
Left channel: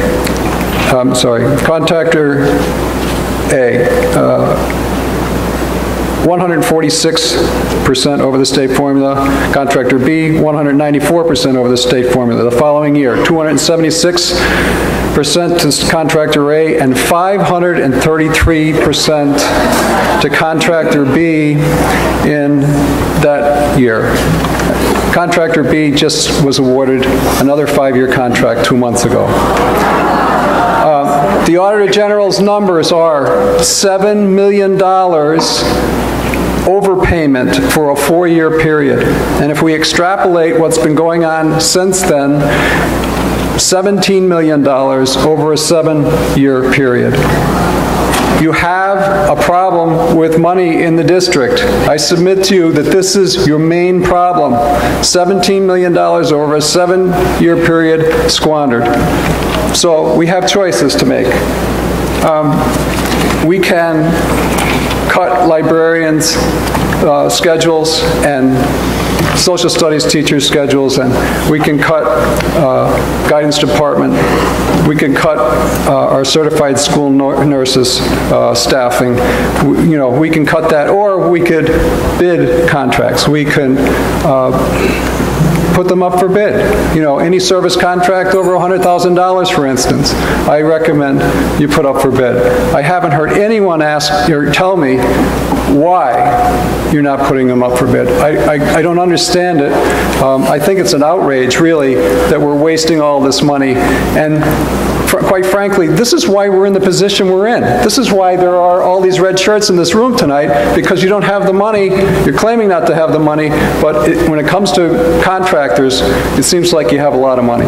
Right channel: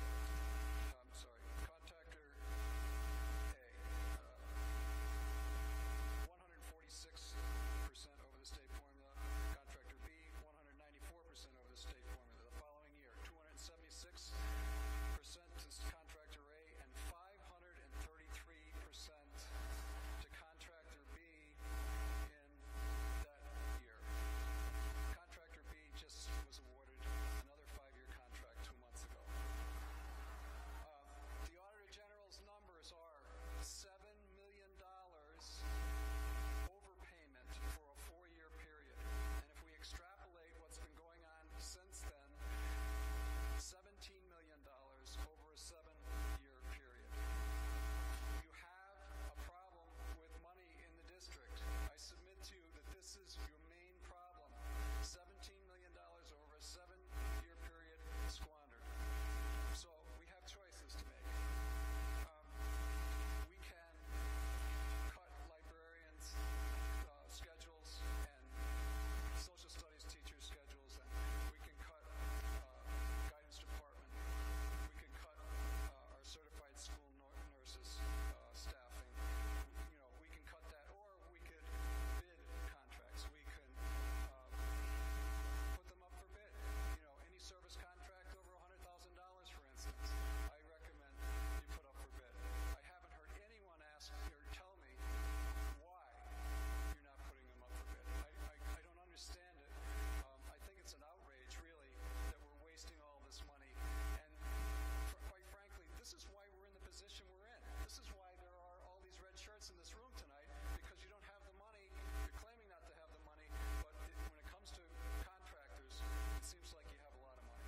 Contractor A, 146% over the state formula. Contractor B, 194% over the state formula. The following year, 276% to Contractor A and 533% to Contractor B in that year. Contractor B just was awarded another 5-year contract 2 months ago. The Auditor General's numbers are $7 million overpayment for a 4-year period. And if we extrapolate what's been going on since then, $17 million over a 7-year period. You have a problem with money in the district. I submit to you that this is your main problem. $17 million over a 7-year period squandered. So we have choices to make. We can cut librarians' schedules and social studies teachers' schedules, and we can cut guidance department. We can cut our certified school nurses' staffing. We can cut that, or we could bid contracts. We can put them up for bid. Any service contract over $100,000, for instance, I recommend you put up for bid. I haven't heard anyone ask or tell me why you're not putting them up for bid. I don't understand it. I think it's an outrage, really, that we're wasting all this money. And quite frankly, this is why we're in the position we're in. This is why there are all these red shirts in this room tonight, because you don't have the money. You're claiming not to have the money, but when it comes to contractors, it seems like you have a lot of money.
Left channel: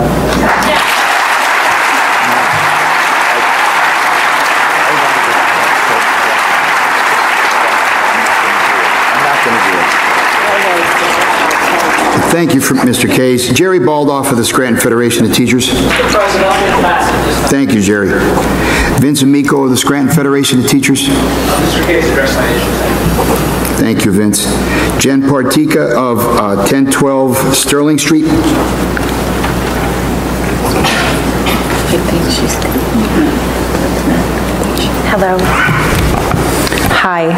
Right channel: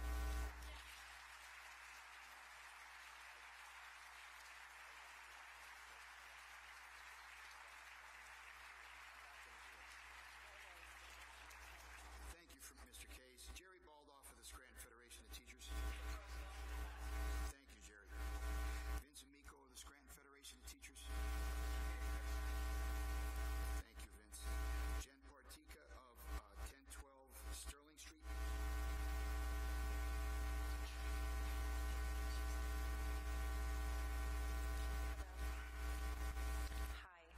Thank you, Mr. Case. Jerry Baldoff of the Scranton Federation of Teachers. Thank you, Jerry. Vince Amico of the Scranton Federation of Teachers. Mr. Case, address my issue. Thank you, Vince. Jen Partika of 1012 Sterling Street. Hello. Hi,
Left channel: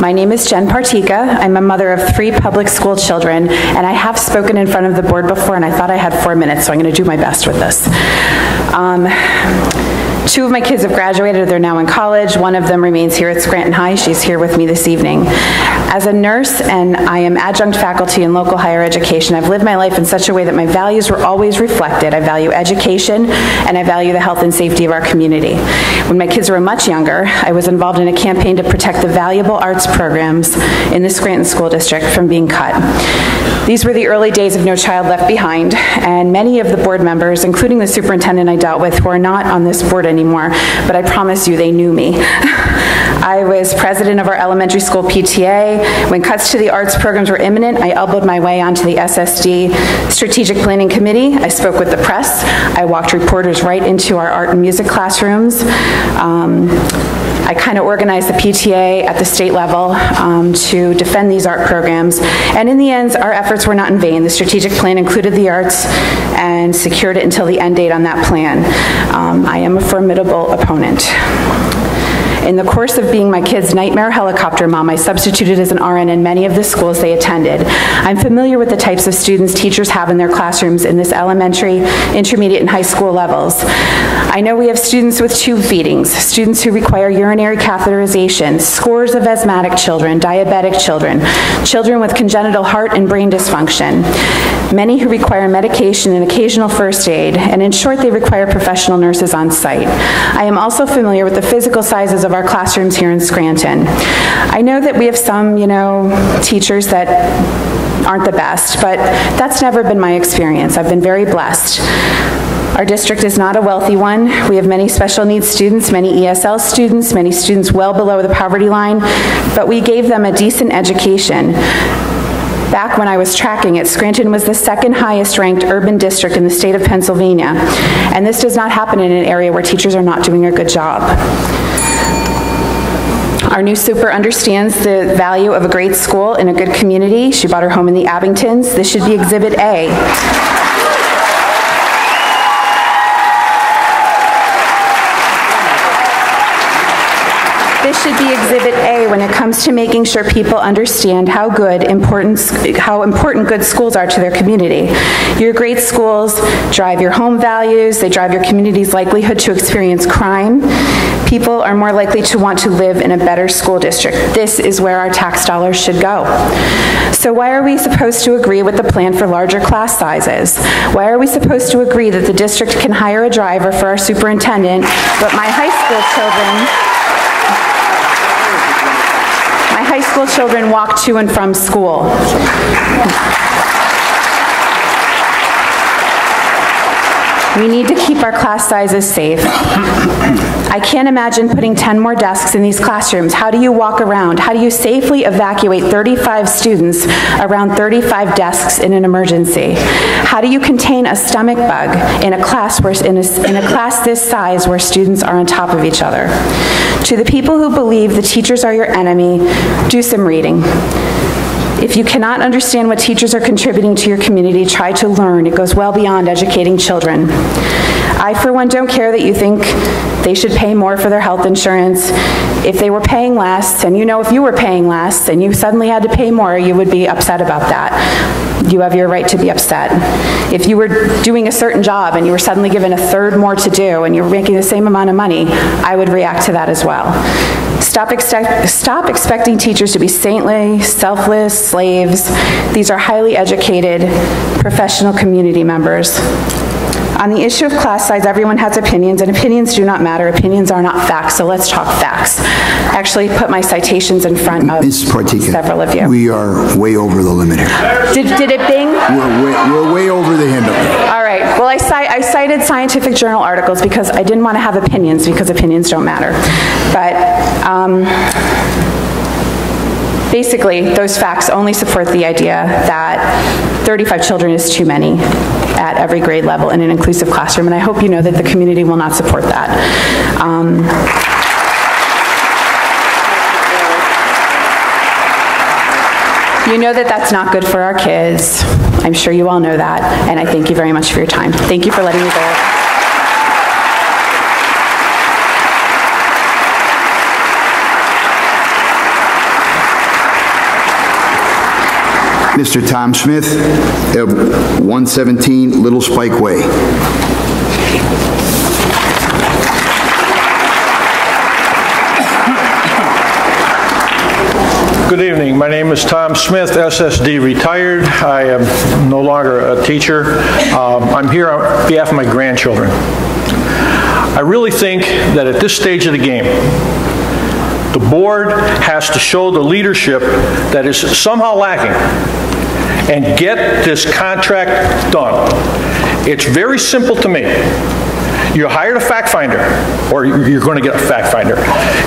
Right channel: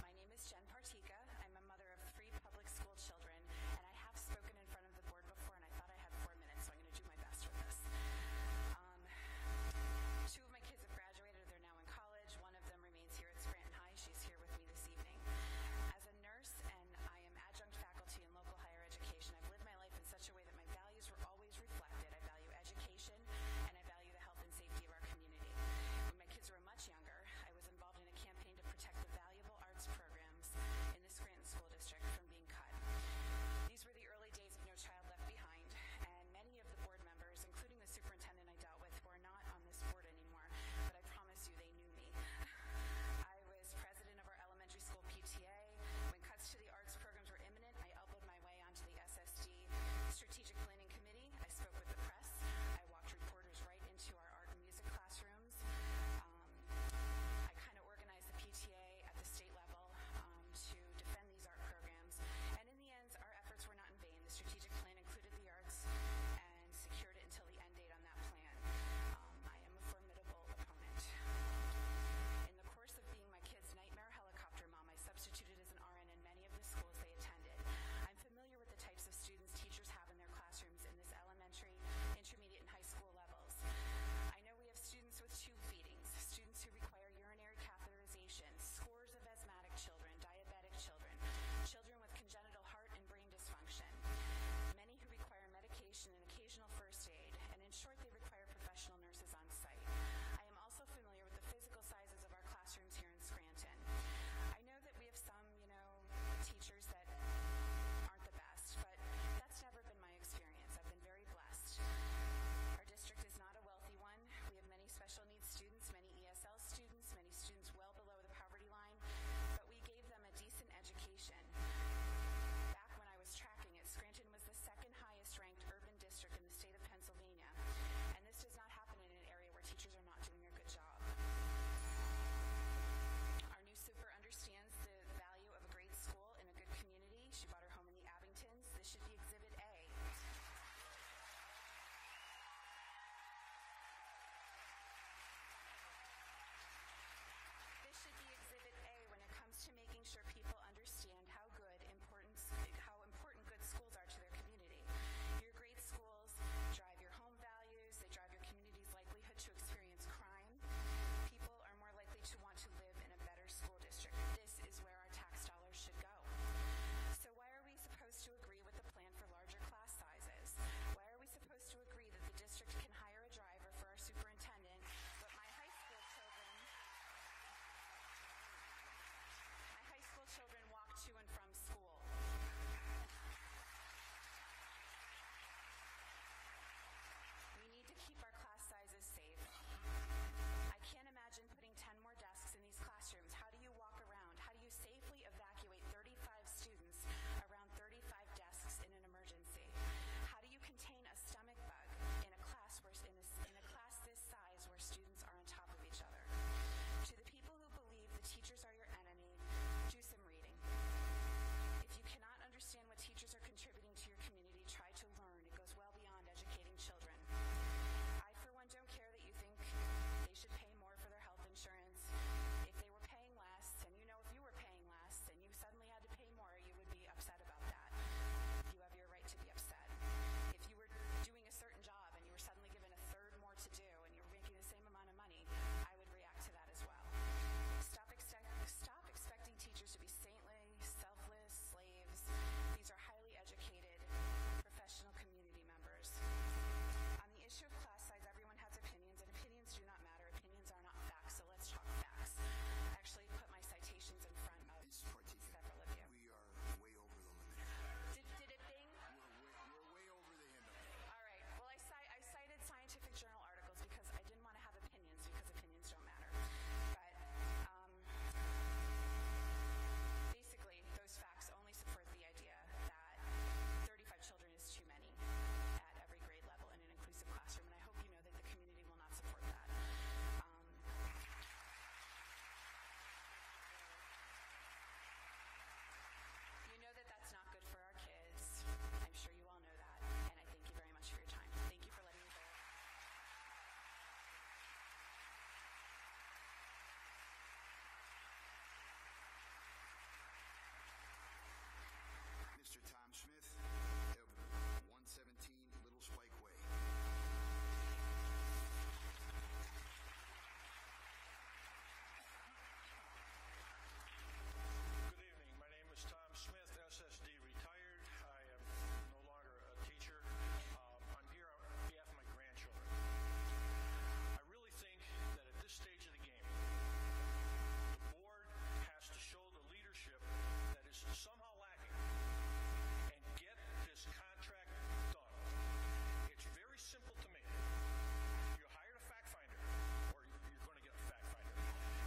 my name is Jen Partika. I'm a mother of 3 public school children, and I have spoken in front of the board before, and I thought I had 4 minutes, so I'm going to do my best with this. 2 of my kids have graduated. They're now in college. One of them remains here at Scranton High. She's here with me this evening. As a nurse, and I am adjunct faculty in local higher education, I've lived my life in such a way that my values were always reflected. I value education, and I value the health and safety of our community. When my kids were much younger, I was involved in a campaign to protect the valuable arts programs in the Scranton School District from being cut. These were the early days of No Child Left Behind, and many of the board members, including the superintendent I dealt with, who are not on this board anymore, but I promise you they knew me. I was president of our elementary school PTA. When cuts to the arts programs were imminent, I elbowed my way onto the SSD Strategic Planning Committee. I spoke with the press. I walked reporters right into our art and music classrooms. I kind of organized the PTA at the state level to defend these art programs. And in the end, our efforts were not in vain. The strategic plan included the arts and secured it until the end date on that plan. I am a formidable opponent. In the course of being my kids' nightmare helicopter mom, I substituted as an RN in many of the schools they attended. I'm familiar with the types of students teachers have in their classrooms in this elementary, intermediate, and high school levels. I know we have students with tube feedings, students who require urinary catheterization, scores of asthmatic children, diabetic children, children with congenital heart and brain dysfunction, many who require medication and occasional first aid, and in short, they require professional nurses on site. I am also familiar with the physical sizes of our classrooms here in Scranton. I know that we have some, teachers that aren't the best, but that's never been my experience. I've been very blessed. Our district is not a wealthy one. We have many special needs students, many ESL students, many students well below the poverty line, but we gave them a decent education. Back when I was tracking it, Scranton was the second highest ranked urban district in the state of Pennsylvania, and this does not happen in an area where teachers are not doing a good job. Our new super understands the value of a great school in a good community. She bought her home in the Abingtons. This should be Exhibit A. This should be Exhibit A when it comes to making sure people understand how important good schools are to their community. Your great schools drive your home values, they drive your community's likelihood to experience crime. People are more likely to want to live in a better school district. This is where our tax dollars should go. So why are we supposed to agree with the plan for larger class sizes? Why are we supposed to agree that the district can hire a driver for our superintendent, but my high school children walk to and from school? We need to keep our class sizes safe. I can't imagine putting 10 more desks in these classrooms. How do you walk around? How do you safely evacuate 35 students around 35 desks in an emergency? How do you contain a stomach bug in a class this size where students are on top of each other? To the people who believe the teachers are your enemy, do some reading. If you cannot understand what teachers are contributing to your community, try to learn. It goes well beyond educating children. I, for one, don't care that you think they should pay more for their health insurance. If they were paying less, and if you were paying less and you suddenly had to pay more, you would be upset about that. You have your right to be upset. If you were doing a certain job and you were suddenly given a third more to do and you were making the same amount of money, I would react to that as well. Stop expecting teachers to be saintly, selfless slaves. These are highly educated, professional community members. On the issue of class size, everyone has opinions, and opinions do not matter. Opinions are not facts, so let's talk facts. I actually put my citations in front of several of you. We are way over the limit here. Did it bing? We're way over the limit. All right. Well, I cited scientific journal articles because I didn't want to have opinions, because opinions don't matter. But basically, those facts only support the idea that 35 children is too many at every grade level in an inclusive classroom, and I hope you know that the community will not support that. You know that that's not good for our kids. I'm sure you all know that, and I thank you very much for your time. Thank you for letting me go. Mr. Tom Smith, 117 Little Spike Way. Good evening. My name is Tom Smith, SSD retired. I am no longer a teacher. I'm here on behalf of my grandchildren. I really think that at this stage of the game, the board has to show the leadership that is somehow lacking and get this contract done. It's very simple to me. You hired a fact finder, or you're going to get a fact finder.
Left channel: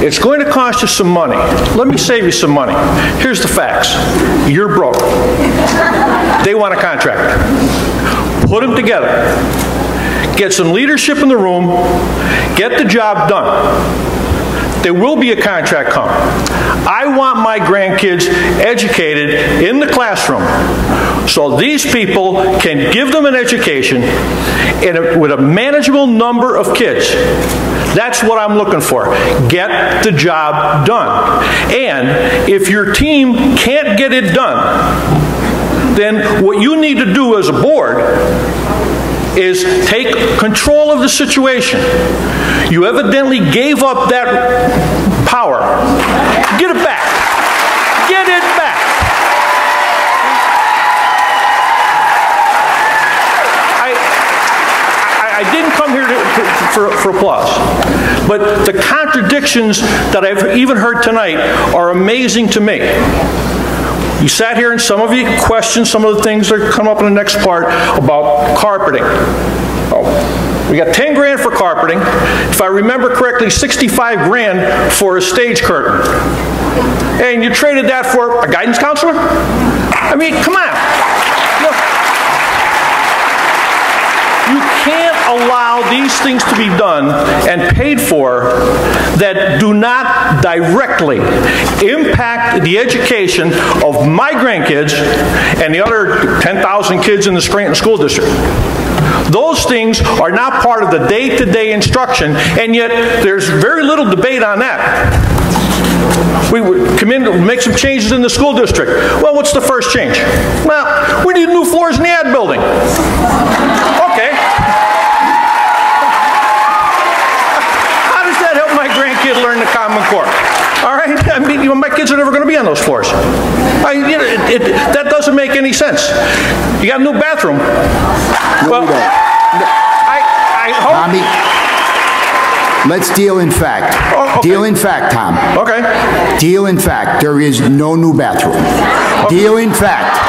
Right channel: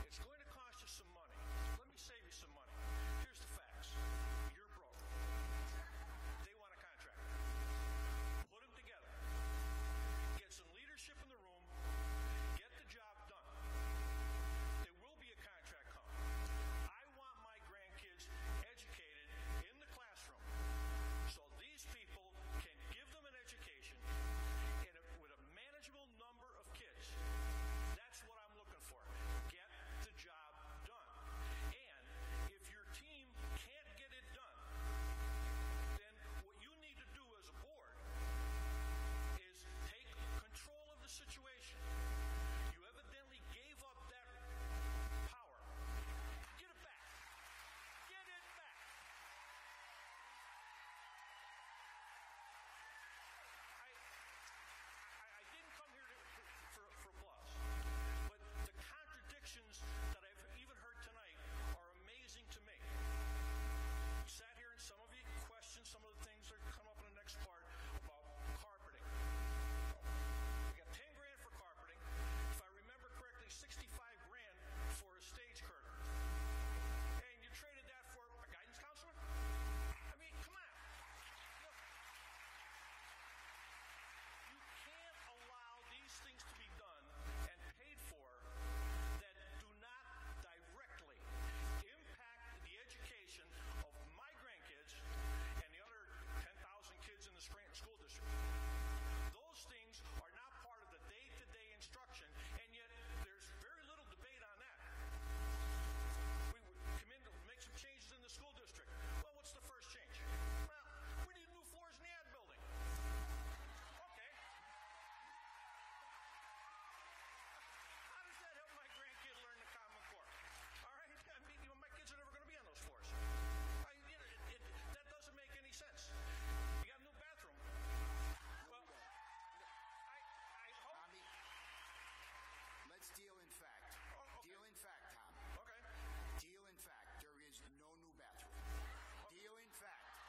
It's going to cost you some money. Let me save you some money. Here's the facts. You're broke. They want a contractor. Put them together. Get some leadership in the room. Get the job done. There will be a contract come. I want my grandkids educated in the classroom so these people can give them an education with a manageable number of kids. That's what I'm looking for. Get the job done. And if your team can't get it done, then what you need to do as a board is take control of the situation. You evidently gave up that power. Get it back. Get it back. I didn't come here for applause, but the contradictions that I've even heard tonight are amazing to me. You sat here and some of you questioned some of the things that come up in the next part about carpeting. Oh, we got 10 grand for carpeting. If I remember correctly, 65 grand for a stage curtain. And you traded that for a guidance counselor? I mean, come on. Look. You can't allow these things to be done and paid for that do not directly impact the education of my grandkids and the other 10,000 kids in the Scranton School District. Those things are not part of the day-to-day instruction, and yet there's very little debate on that. We would come in to make some changes in the school district. Well, what's the first change? Well, we need new floors in the ad building. Okay. How does that help my grandkid learn the Common Core? All right? I mean, my kids are never going to be on those floors. That doesn't make any sense. You got a new bathroom. Well, I hope... Tommy, let's deal in fact. Oh, okay. Deal in fact, Tom. Okay. Deal in fact. There is no new bathroom. Okay. Deal in fact.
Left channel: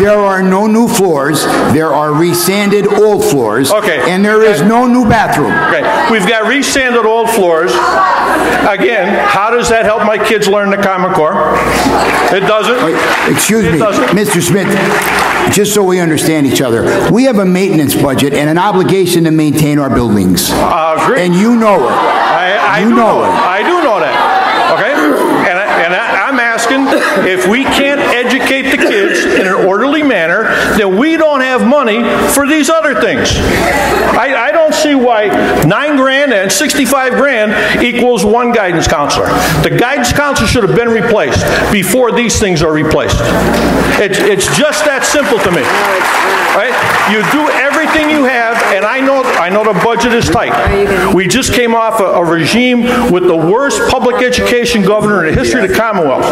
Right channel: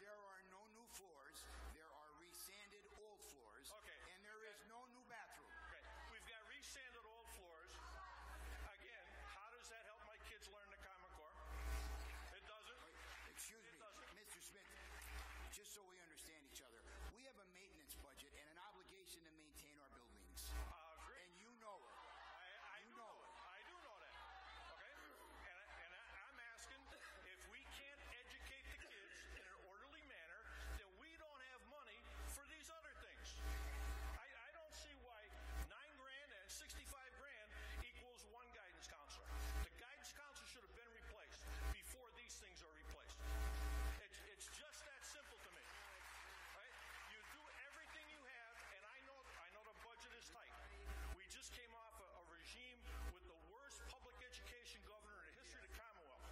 There are no new floors. There are resanded old floors. Okay. And there is no new bathroom. Okay. We've got resanded old floors. Again, how does that help my kids learn the Common Core? It doesn't. Wait, excuse me, Mr. Smith, just so we understand each other. We have a maintenance budget and an obligation to maintain our buildings. Great. And you know it. I do know that. Okay? And I'm asking, if we can't educate the kids in an orderly manner, then we don't have money for these other things. I don't see why 9 grand and 65 grand equals one guidance counselor. The guidance counselor should have been replaced before these things are replaced. It's just that simple to me. Right? You do everything you have, and I know the budget is tight. We just came off a regime with the worst public education governor in the history of the Commonwealth.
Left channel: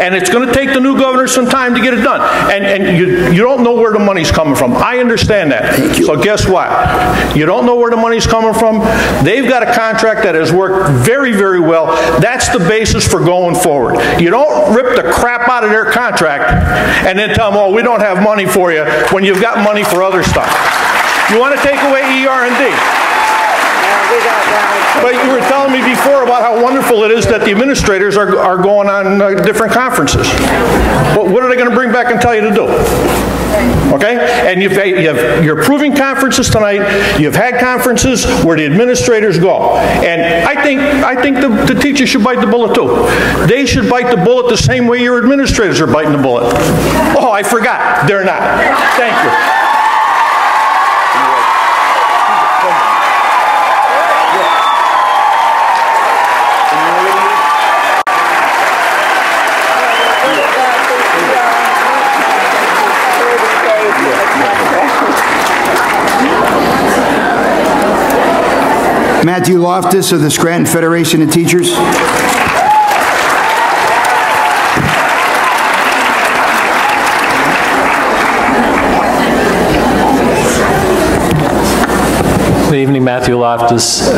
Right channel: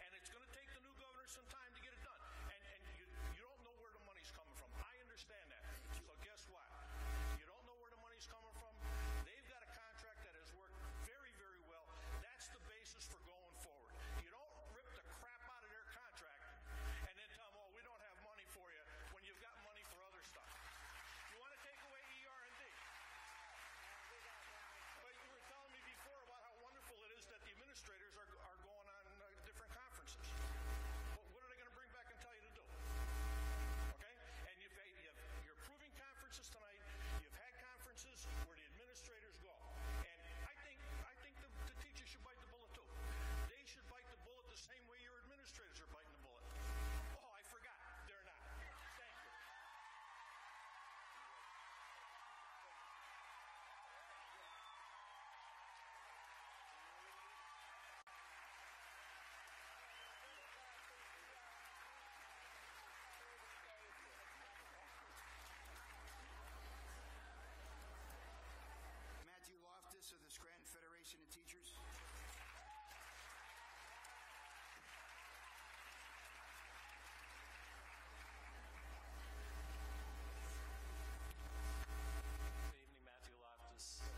And it's going to take the new governor some time to get it done. And you don't know where the money's coming from. I understand that. So guess what? You don't know where the money's coming from. They've got a contract that has worked very, very well. That's the basis for going forward. You don't rip the crap out of their contract and then tell them, oh, we don't have money for you, when you've got money for other stuff. You want to take away ER&D. But you were telling me before about how wonderful it is that the administrators are going on different conferences. But what are they going to bring back and tell you to do? Okay? And you're approving conferences tonight. You've had conferences where the administrators go. And I think the teachers should bite the bullet too. They should bite the bullet the same way your administrators are biting the bullet. Oh, I forgot. They're not. Thank you. Matthew Loftus of the Scranton Federation of Teachers. Good evening, Matthew Loftus,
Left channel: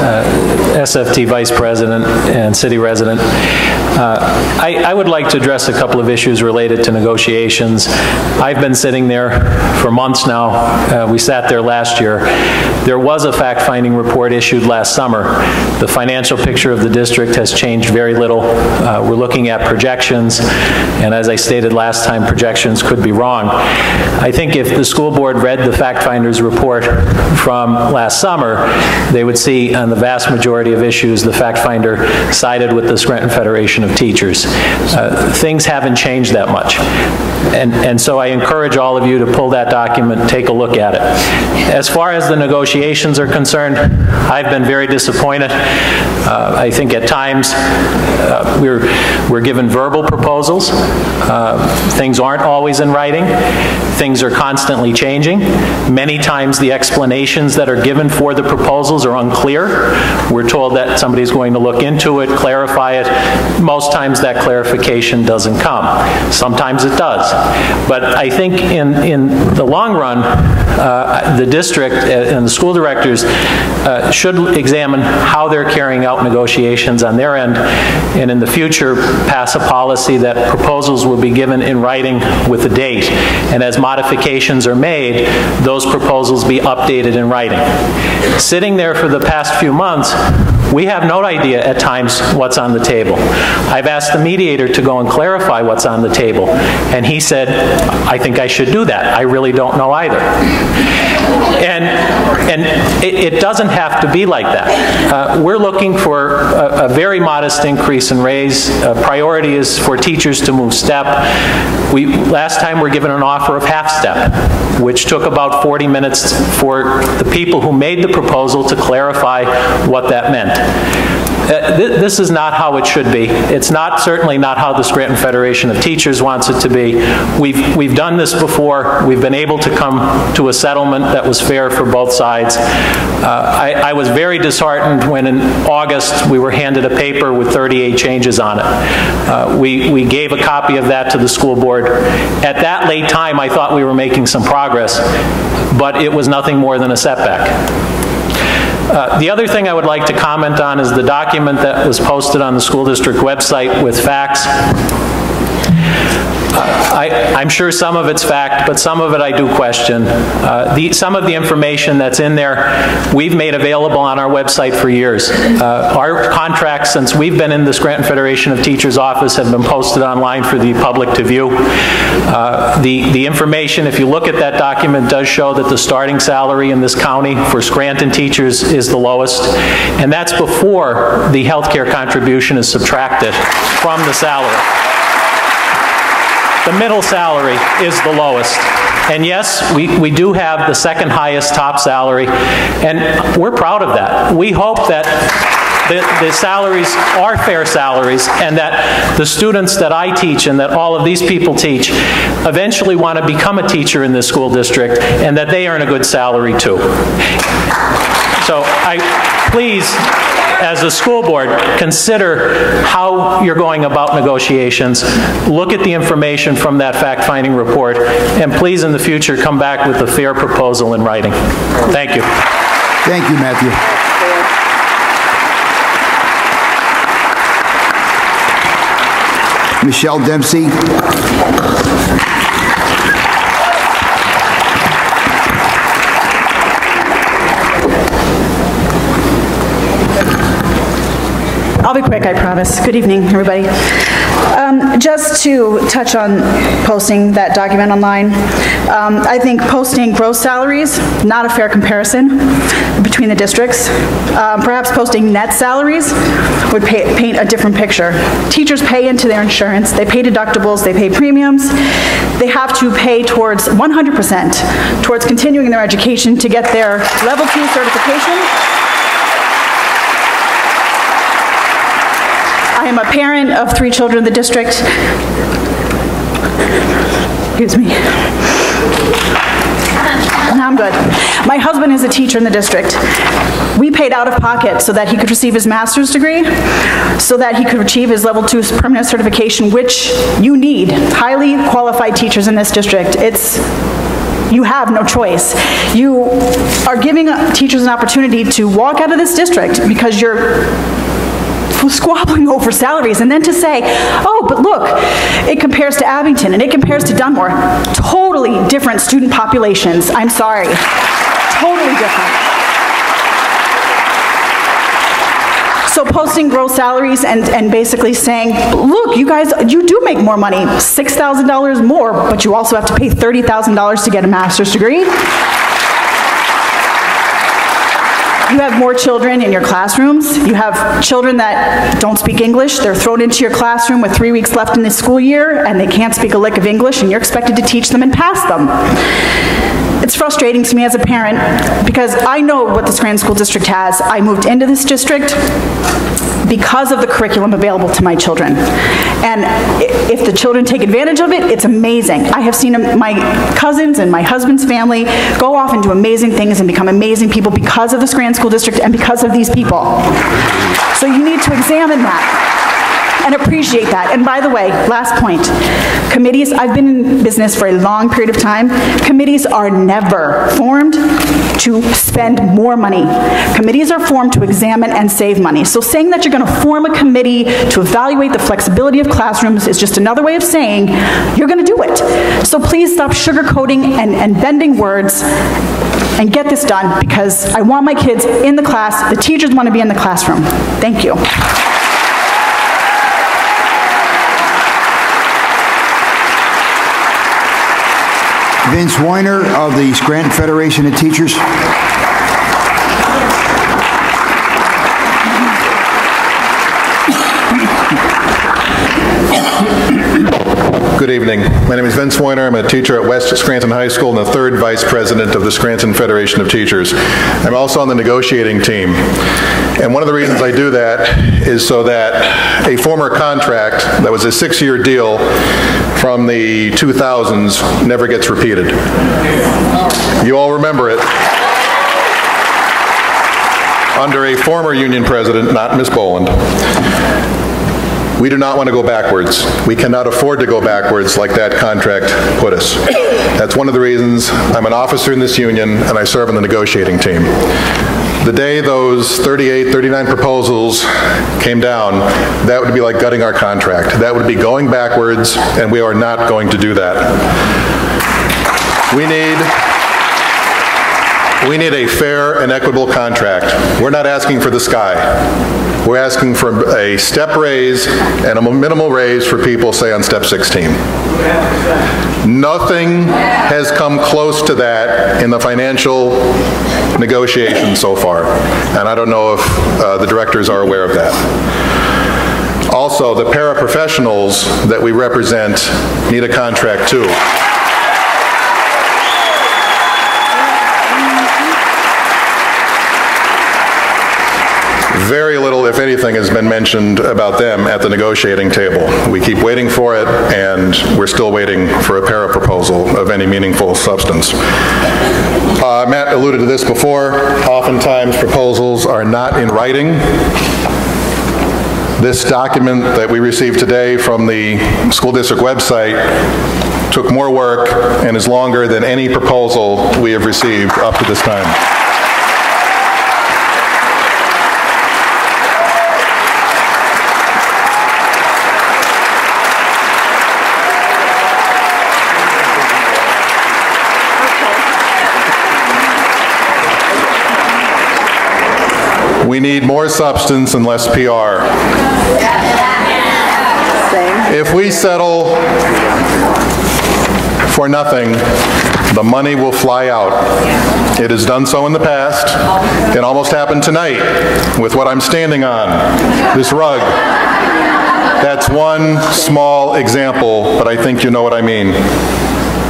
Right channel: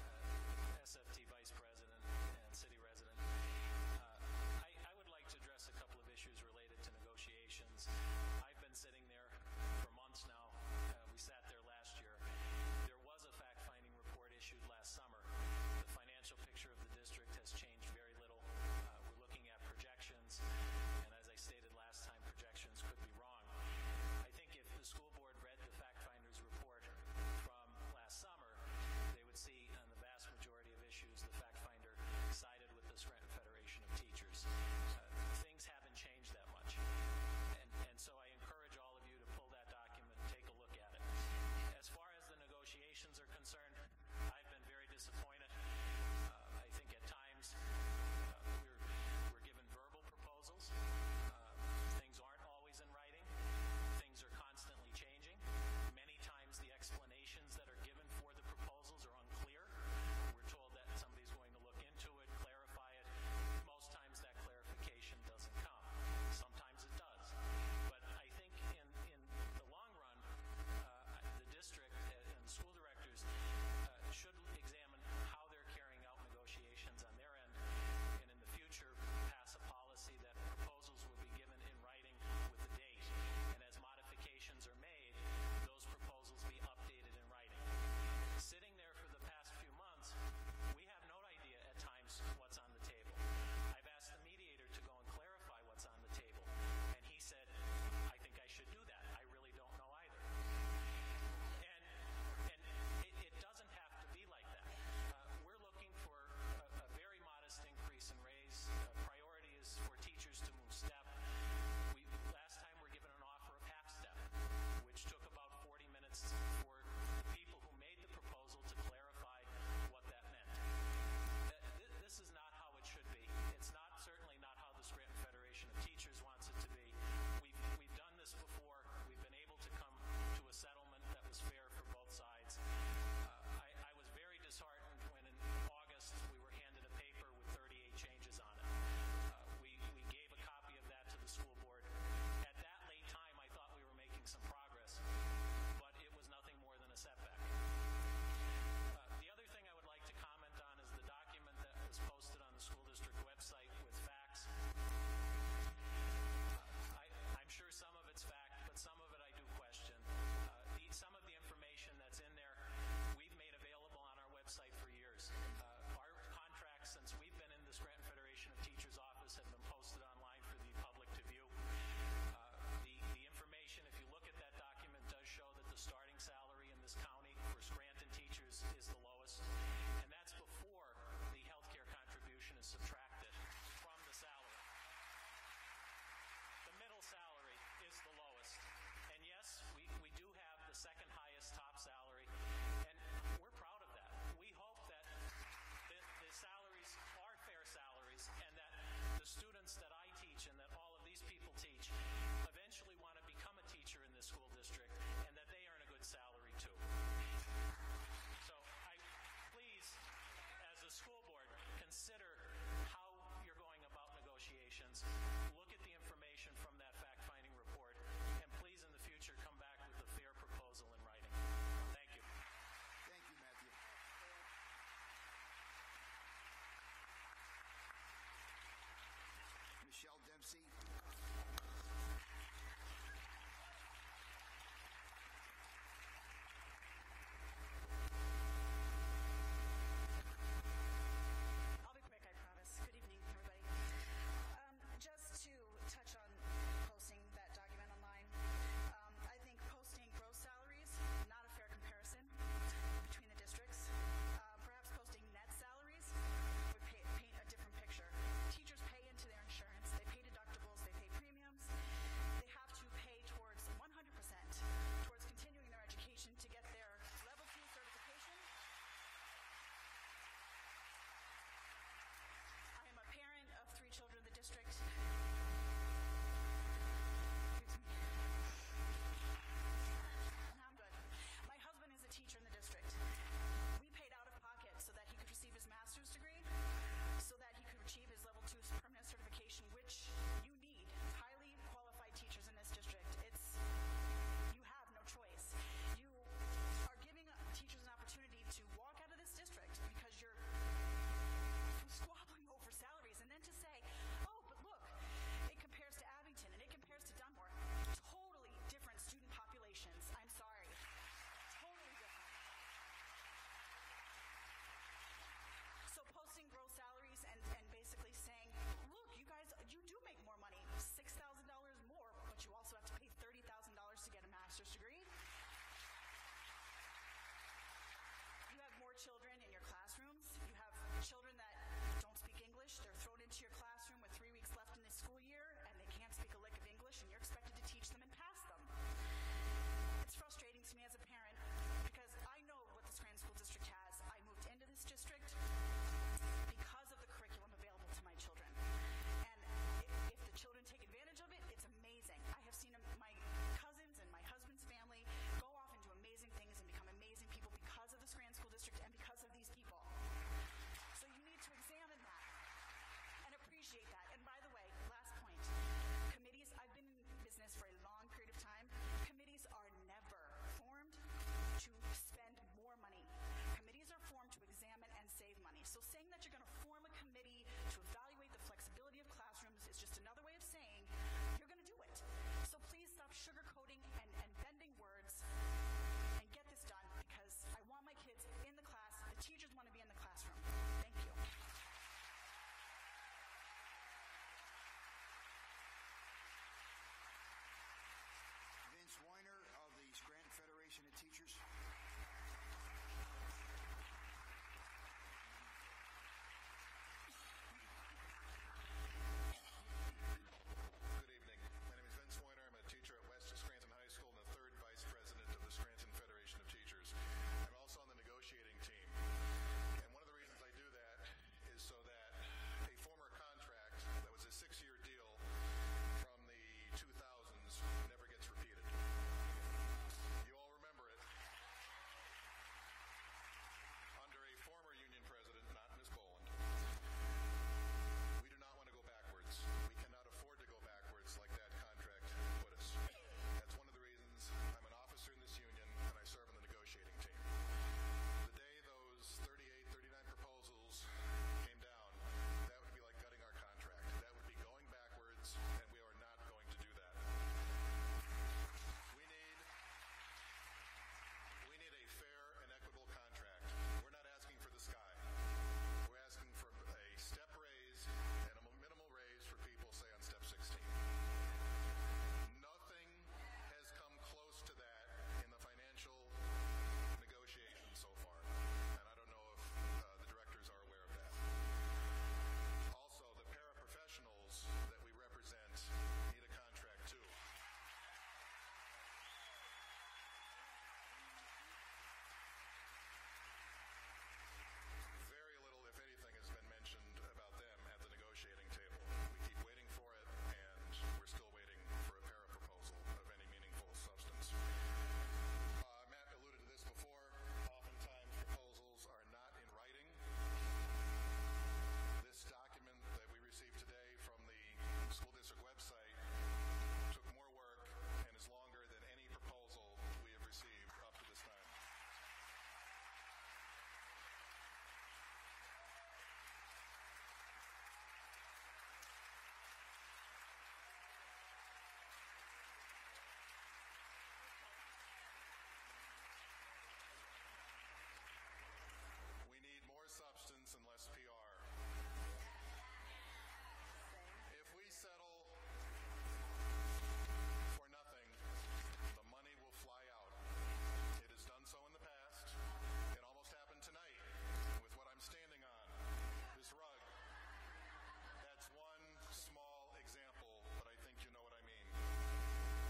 SFT Vice President and City Resident. I would like to address a couple of issues related to negotiations. I've been sitting there for months now. We sat there last year. There was a fact-finding report issued last summer. The financial picture of the district has changed very little. We're looking at projections, and as I stated last time, projections could be wrong. I think if the school board read the fact-finder's report from last summer, they would see on the vast majority of issues the fact-finder sided with the Scranton Federation of Teachers. Things haven't changed that much. And so I encourage all of you to pull that document, take a look at it. As far as the negotiations are concerned, I've been very disappointed. I think at times we're given verbal proposals. Things aren't always in writing. Things are constantly changing. Many times the explanations that are given for the proposals are unclear. We're told that somebody's going to look into it, clarify it. Most times that clarification doesn't come. Sometimes it does. But I think in the long run, the district and the school directors should examine how they're carrying out negotiations on their end, and in the future pass a policy that proposals will be given in writing with a date, and as modifications are made, those proposals be updated in writing. Sitting there for the past few months, we have no idea at times what's on the table. I've asked the mediator to go and clarify what's on the table, and he said, I think I should do that. I really don't know either. And it doesn't have to be like that. We're looking for a very modest increase in raise. Priority is for teachers to move step. Last time we were given an offer of half step, which took about 40 minutes for the people who made the proposal to clarify what that meant. This is not how it should be. It's certainly not how the Scranton Federation of Teachers wants it to be. We've done this before. We've been able to come to a settlement that was fair for both sides. I was very disheartened when in August we were handed a paper with 38 changes on it. We gave a copy of that to the school board. At that late time, I thought we were making some progress, but it was nothing more than a setback. The other thing I would like to comment on is the document that was posted on the school district website with facts. I'm sure some of it's fact, but some of it I do question. Some of the information that's in there, we've made available on our website for years. Our contracts, since we've been in the Scranton Federation of Teachers office, have been posted online for the public to view. The information, if you look at that document, does show that the starting salary in this county for Scranton teachers is the lowest, and that's before the health care contribution is subtracted from the salary. The middle salary is the lowest. And yes, we do have the second highest top salary, and we're proud of that. We hope that the salaries are fair salaries, and that the students that I teach and that all of these people teach eventually want to become a teacher in this school district, and that they earn a good salary too. So please, as a school board, consider how you're going about negotiations. Look at the information from that fact-finding report, and please in the future come back with a fair proposal in writing. Thank you. Thank you, Matthew. Michelle Dempsey. I'll be quick, I promise. Good evening, everybody. Just to touch on posting that document online, I think posting gross salaries, not a fair comparison between the districts. Perhaps posting net salaries would paint a different picture. Teachers pay into their insurance, they pay deductibles, they pay premiums, they have to pay towards 100% towards continuing their education to get their level 2 certification. I am a parent of 3 children in the district. Excuse me. No, I'm good. My husband is a teacher in the district. We paid out of pocket so that he could receive his master's degree, so that he could achieve his level 2 permanent certification, which you need highly qualified teachers in this district. You have no choice. You are giving teachers an opportunity to walk out of this district because you're squabbling over salaries, and then to say, oh, but look, it compares to Abington and it compares to Dunmore. Totally different student populations. I'm sorry. Totally different. So posting gross salaries and basically saying, look, you guys, you do make more money, $6,000 more, but you also have to pay $30,000 to get a master's degree. You have more children in your classrooms. You have children that don't speak English. They're thrown into your classroom with 3 weeks left in the school year, and they can't speak a lick of English, and you're expected to teach them and pass them. It's frustrating to me as a parent because I know what the Scranton School District has. I moved into this district because of the curriculum available to my children. And if the children take advantage of it, it's amazing. I have seen my cousins and my husband's family go off and do amazing things and become amazing people because of the Scranton School District and because of these people. So you need to examine that and appreciate that. And by the way, last point, committees, I've been in business for a long period of time. Committees are never formed to spend more money. Committees are formed to examine and save money. So saying that you're going to form a committee to evaluate the flexibility of classrooms is just another way of saying you're going to do it. So please stop sugarcoating and bending words and get this done, because I want my kids in the class. The teachers want to be in the classroom. Thank you. Vince Weiner of the Scranton Federation of Teachers. Good evening. My name is Vince Weiner. I'm a teacher at West Scranton High School and the third vice president of the Scranton Federation of Teachers. I'm also on the negotiating team. And one of the reasons I do that is so that a former contract that was a 6-year deal from the 2000s never gets repeated. You all remember it. Under a former union president, not Ms. Boland. We do not want to go backwards. We cannot afford to go backwards like that contract put us. That's one of the reasons I'm an officer in this union and I serve on the negotiating team. The day those 38, 39 proposals came down, that would be like gutting our contract. That would be going backwards, and we are not going to do that. We need a fair and equitable contract. We're not asking for the sky. We're asking for a step raise and a minimal raise for people, say, on step 16. Nothing has come close to that in the financial negotiations so far, and I don't know if the directors are aware of that. Also, the paraprofessionals that we represent need a contract too. Very little, if anything, has been mentioned about them at the negotiating table. We keep waiting for it, and we're still waiting for a para proposal of any meaningful substance. Matt alluded to this before. Oftentimes, proposals are not in writing. This document that we received today from the school district website took more work and is longer than any proposal we have received up to this time. We need more substance and less PR. If we settle for nothing, the money will fly out. It has done so in the past. It almost happened tonight with what I'm standing on, this rug. That's one small example, but I think you know what I mean.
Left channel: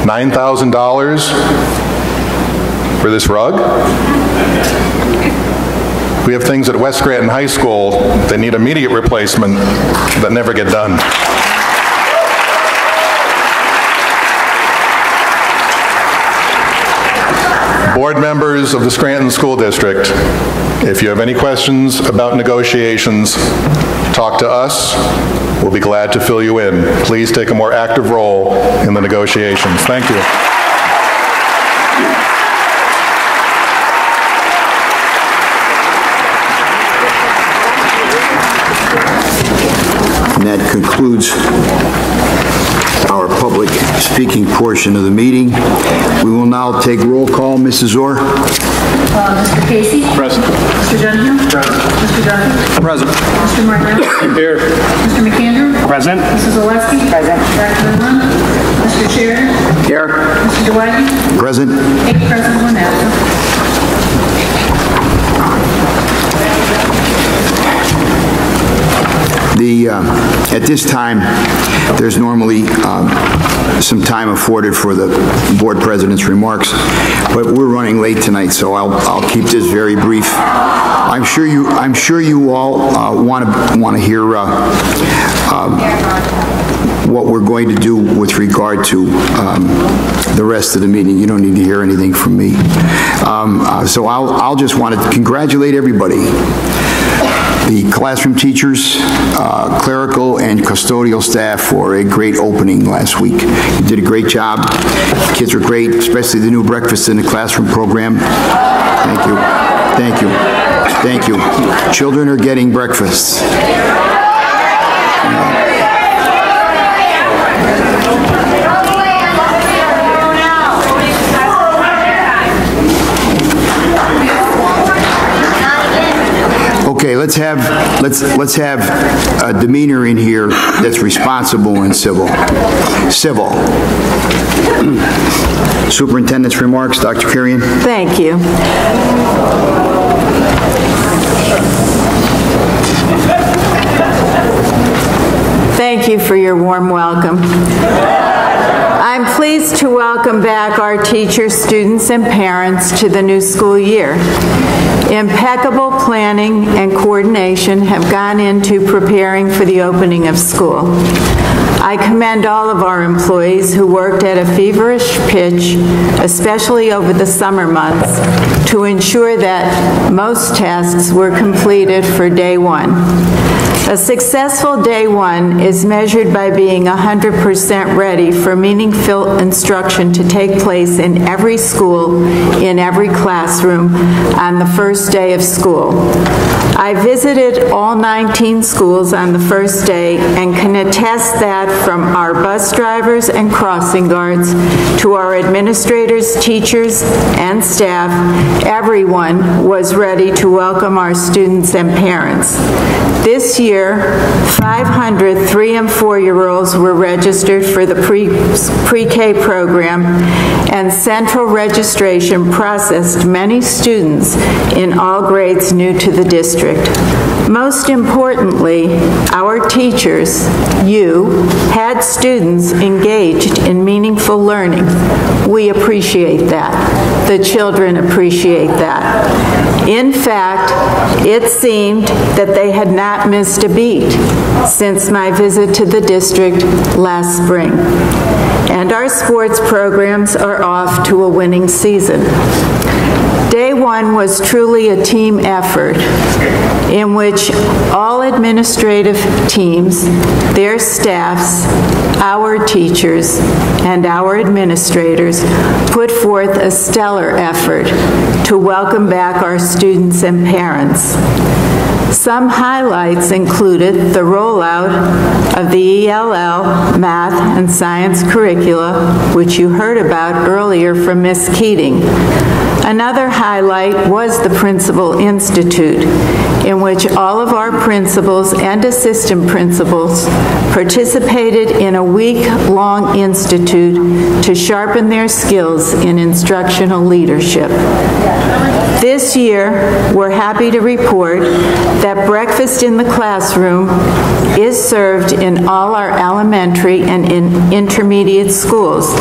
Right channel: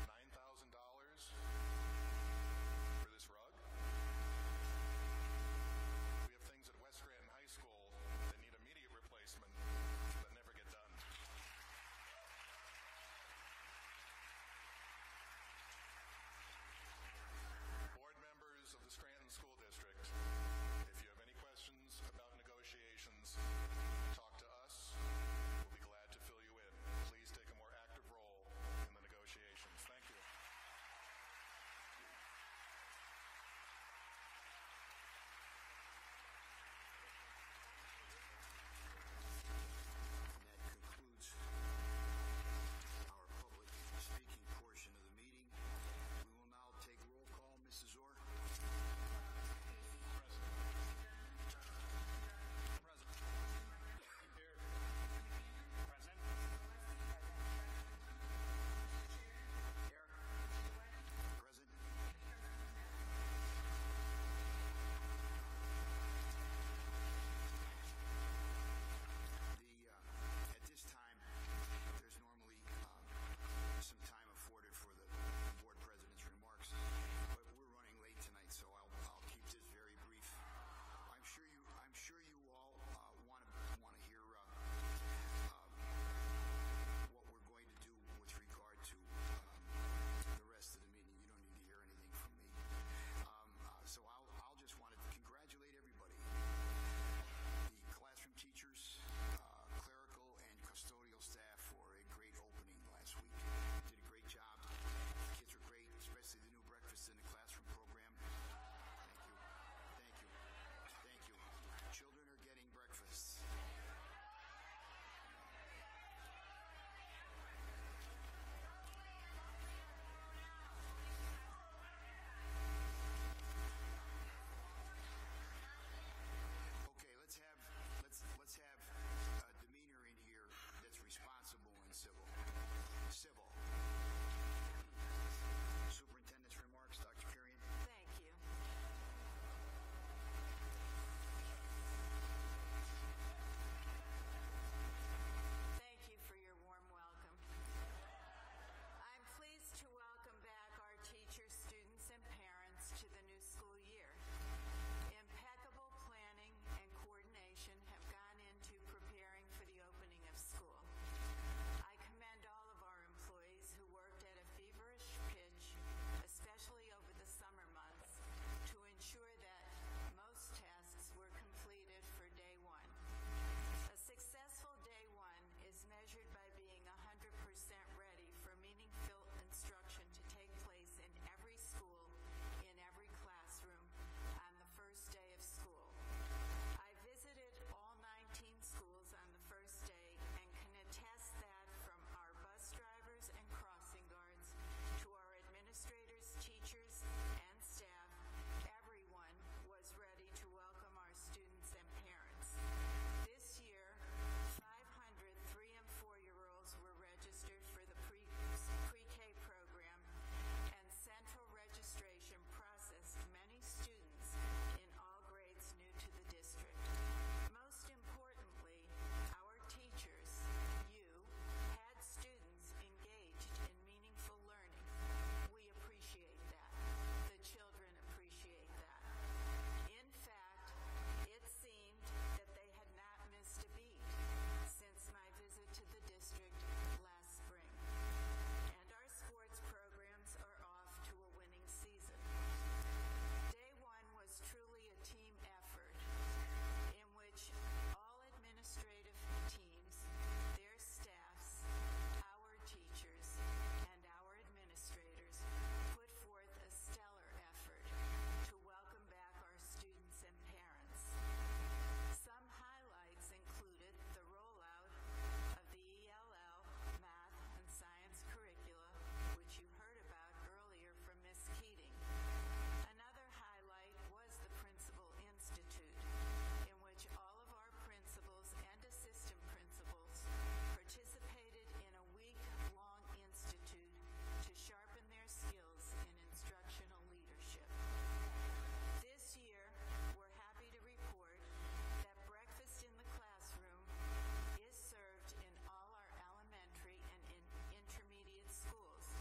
$9,000 for this rug? We have things at West Scranton High School that need immediate replacement that never get done. Board members of the Scranton School District, if you have any questions about negotiations, talk to us. We'll be glad to fill you in. Please take a more active role in the negotiations. Thank you. concludes our public speaking portion of the meeting. We will now take roll call. Mrs. Orr? Mr. Casey? Present. Mr. Dunhill? Present. Mr. Duffy? Present. Mr. Martinelli? Here. Mr. McAndrew? Present. Mrs. Oleski? Present. Dr. Lund? Mr. Sheridan? Here. Mr. Dewey? Present. 8 present, 1 absent. At this time, there's normally some time afforded for the board president's remarks, but we're running late tonight, so I'll keep this very brief. I'm sure you all want to hear what we're going to do with regard to the rest of the meeting. You don't need to hear anything from me. So I'll just want to congratulate everybody. The classroom teachers, clerical and custodial staff for a great opening last week. You did a great job. Kids are great, especially the new breakfast in the classroom program. Thank you. Thank you. Thank you. Children are getting breakfast. Okay, let's have a demeanor in here that's responsible and civil. Civil. Superintendent's remarks, Dr. Kurian. Thank you. Thank you for your warm welcome. I'm pleased to welcome back our teachers, students, and parents to the new school year. Impeccable planning and coordination have gone into preparing for the opening of school. I commend all of our employees who worked at a feverish pitch, especially over the summer months, to ensure that most tasks were completed for day one. A successful day one is measured by being 100% ready for meaningful instruction to take place in every school, in every classroom, on the first day of school. I visited all 19 schools on the first day and can attest that from our bus drivers and crossing guards to our administrators, teachers, and staff, everyone was ready to welcome our students and parents. This year, 500 3- and 4-year-olds were registered for the pre-K program, and central registration processed many students in all grades new to the district. Most importantly, our teachers, you, had students engaged in meaningful learning. We appreciate that. The children appreciate that. In fact, it seemed that they had not missed a beat since my visit to the district last spring. And our sports programs are off to a winning season. Day one was truly a team effort in which all administrative teams, their staffs, our teachers, and our administrators put forth a stellar effort to welcome back our students and parents. Some highlights included the rollout of the ELL, math, and science curricula, which you heard about earlier from Ms. Keating. Another highlight was the Principal Institute, in which all of our principals and assistant principals participated in a week-long institute to sharpen their skills in instructional leadership. This year, we're happy to report that breakfast in the classroom is served in all our elementary and intermediate schools.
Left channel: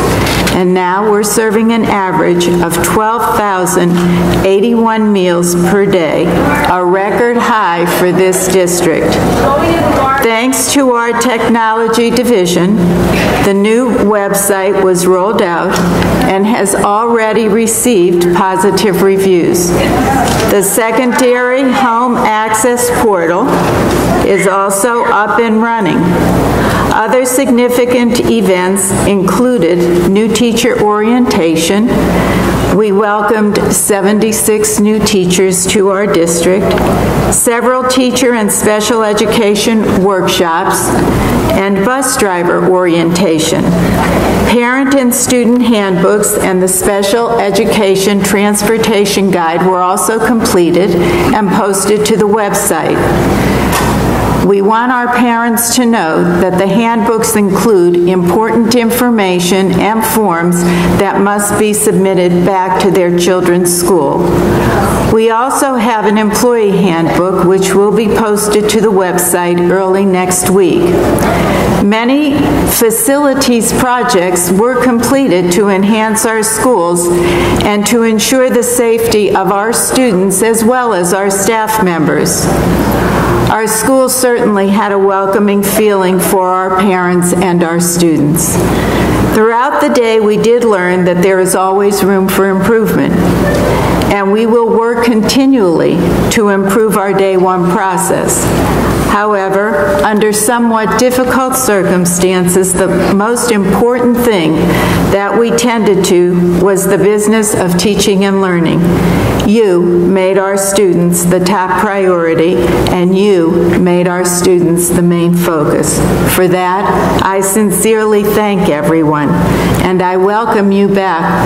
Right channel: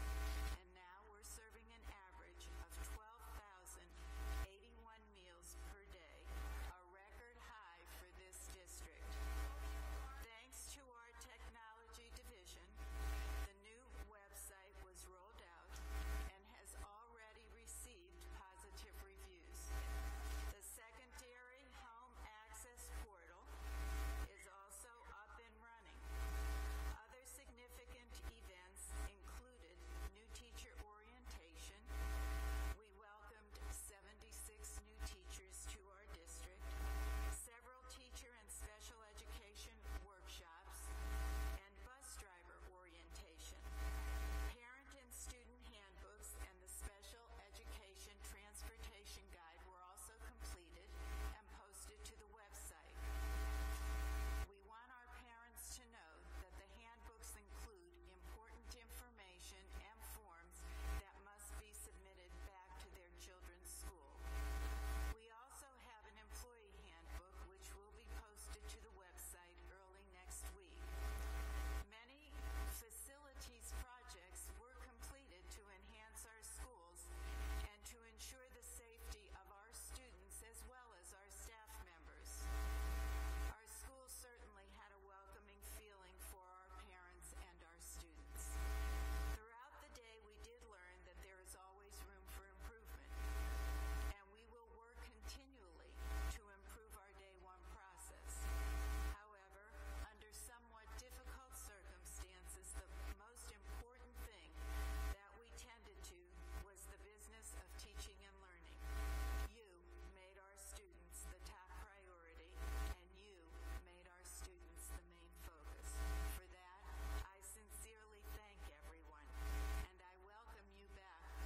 And now we're serving an average of 12,081 meals per day, a record high for this district. Thanks to our technology division, the new website was rolled out and has already received positive reviews. The secondary home access portal is also up and running. Other significant events included new teacher orientation. We welcomed 76 new teachers to our district, several teacher and special education workshops, and bus driver orientation. Parent and student handbooks and the special education transportation guide were also completed and posted to the website. We want our parents to know that the handbooks include important information and forms that must be submitted back to their children's school. We also have an employee handbook which will be posted to the website early next week. Many facilities projects were completed to enhance our schools and to ensure the safety of our students as well as our staff members. Our school certainly had a welcoming feeling for our parents and our students. Throughout the day, we did learn that there is always room for improvement, and we will work continually to improve our Day 1 process. However, under somewhat difficult circumstances, the most important thing that we tended to was the business of teaching and learning. You made our students the top priority, and you made our students the main focus. For that, I sincerely thank everyone, and I welcome you back.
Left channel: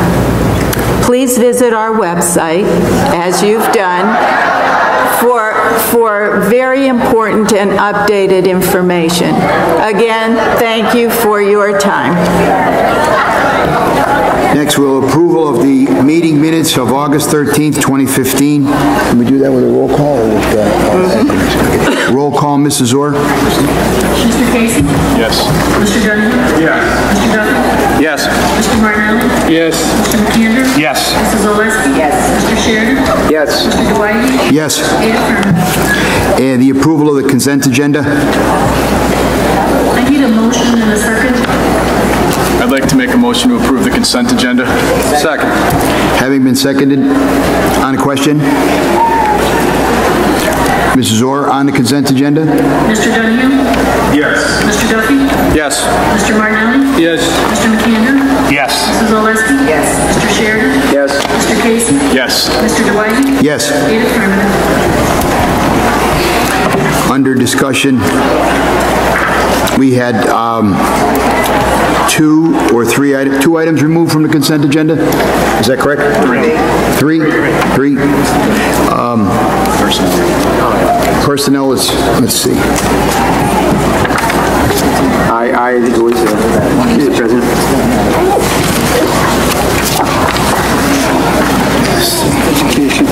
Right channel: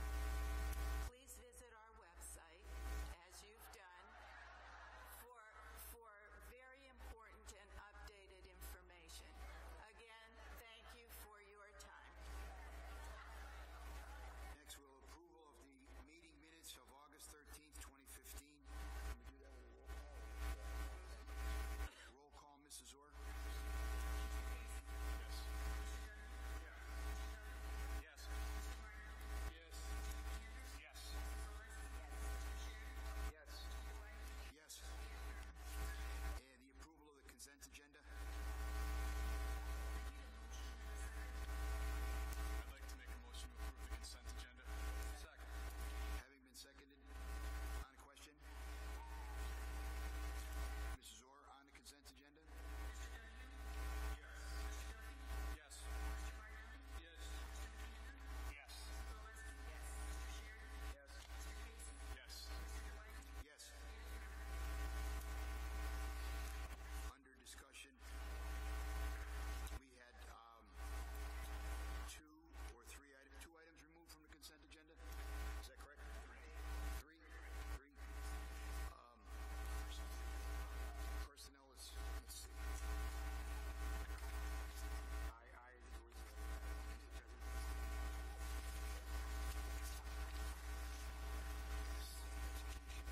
Please visit our website, as you've done, for very important and updated information. Again, thank you for your time. Next, we'll approval of the meeting minutes of August 13th, 2015. Can we do that with a roll call? Or with roll call, Mrs. Orr? Mr. Casey? Yes. Mr. Dunn? Yes. Mr. Duffy? Yes. Mr. Martinelli? Yes. Mr. McAndrew? Yes. Mrs. Oleski? Yes. Mr. Sheridan? Yes. Mr. Dwight? Yes. 8 affirmative. And the approval of the consent agenda? I need a motion and a second. I'd like to make a motion to approve the consent agenda. Second. Having been seconded, on the question? Mrs. Orr, on the consent agenda? Mr. Dunn? Yes. Mr. Duffy? Yes. Mr. Martinelli? Yes. Mr. McAndrew? Yes. Mrs. Oleski? Yes. Mr. Sheridan? Yes. Mr. Casey? Yes. Mr. Dwight? Yes. 8 affirmative. Under discussion, we had two items removed from the consent agenda. Is that correct? Three. Personnel is, let's see. I think it was Mr. President. Education.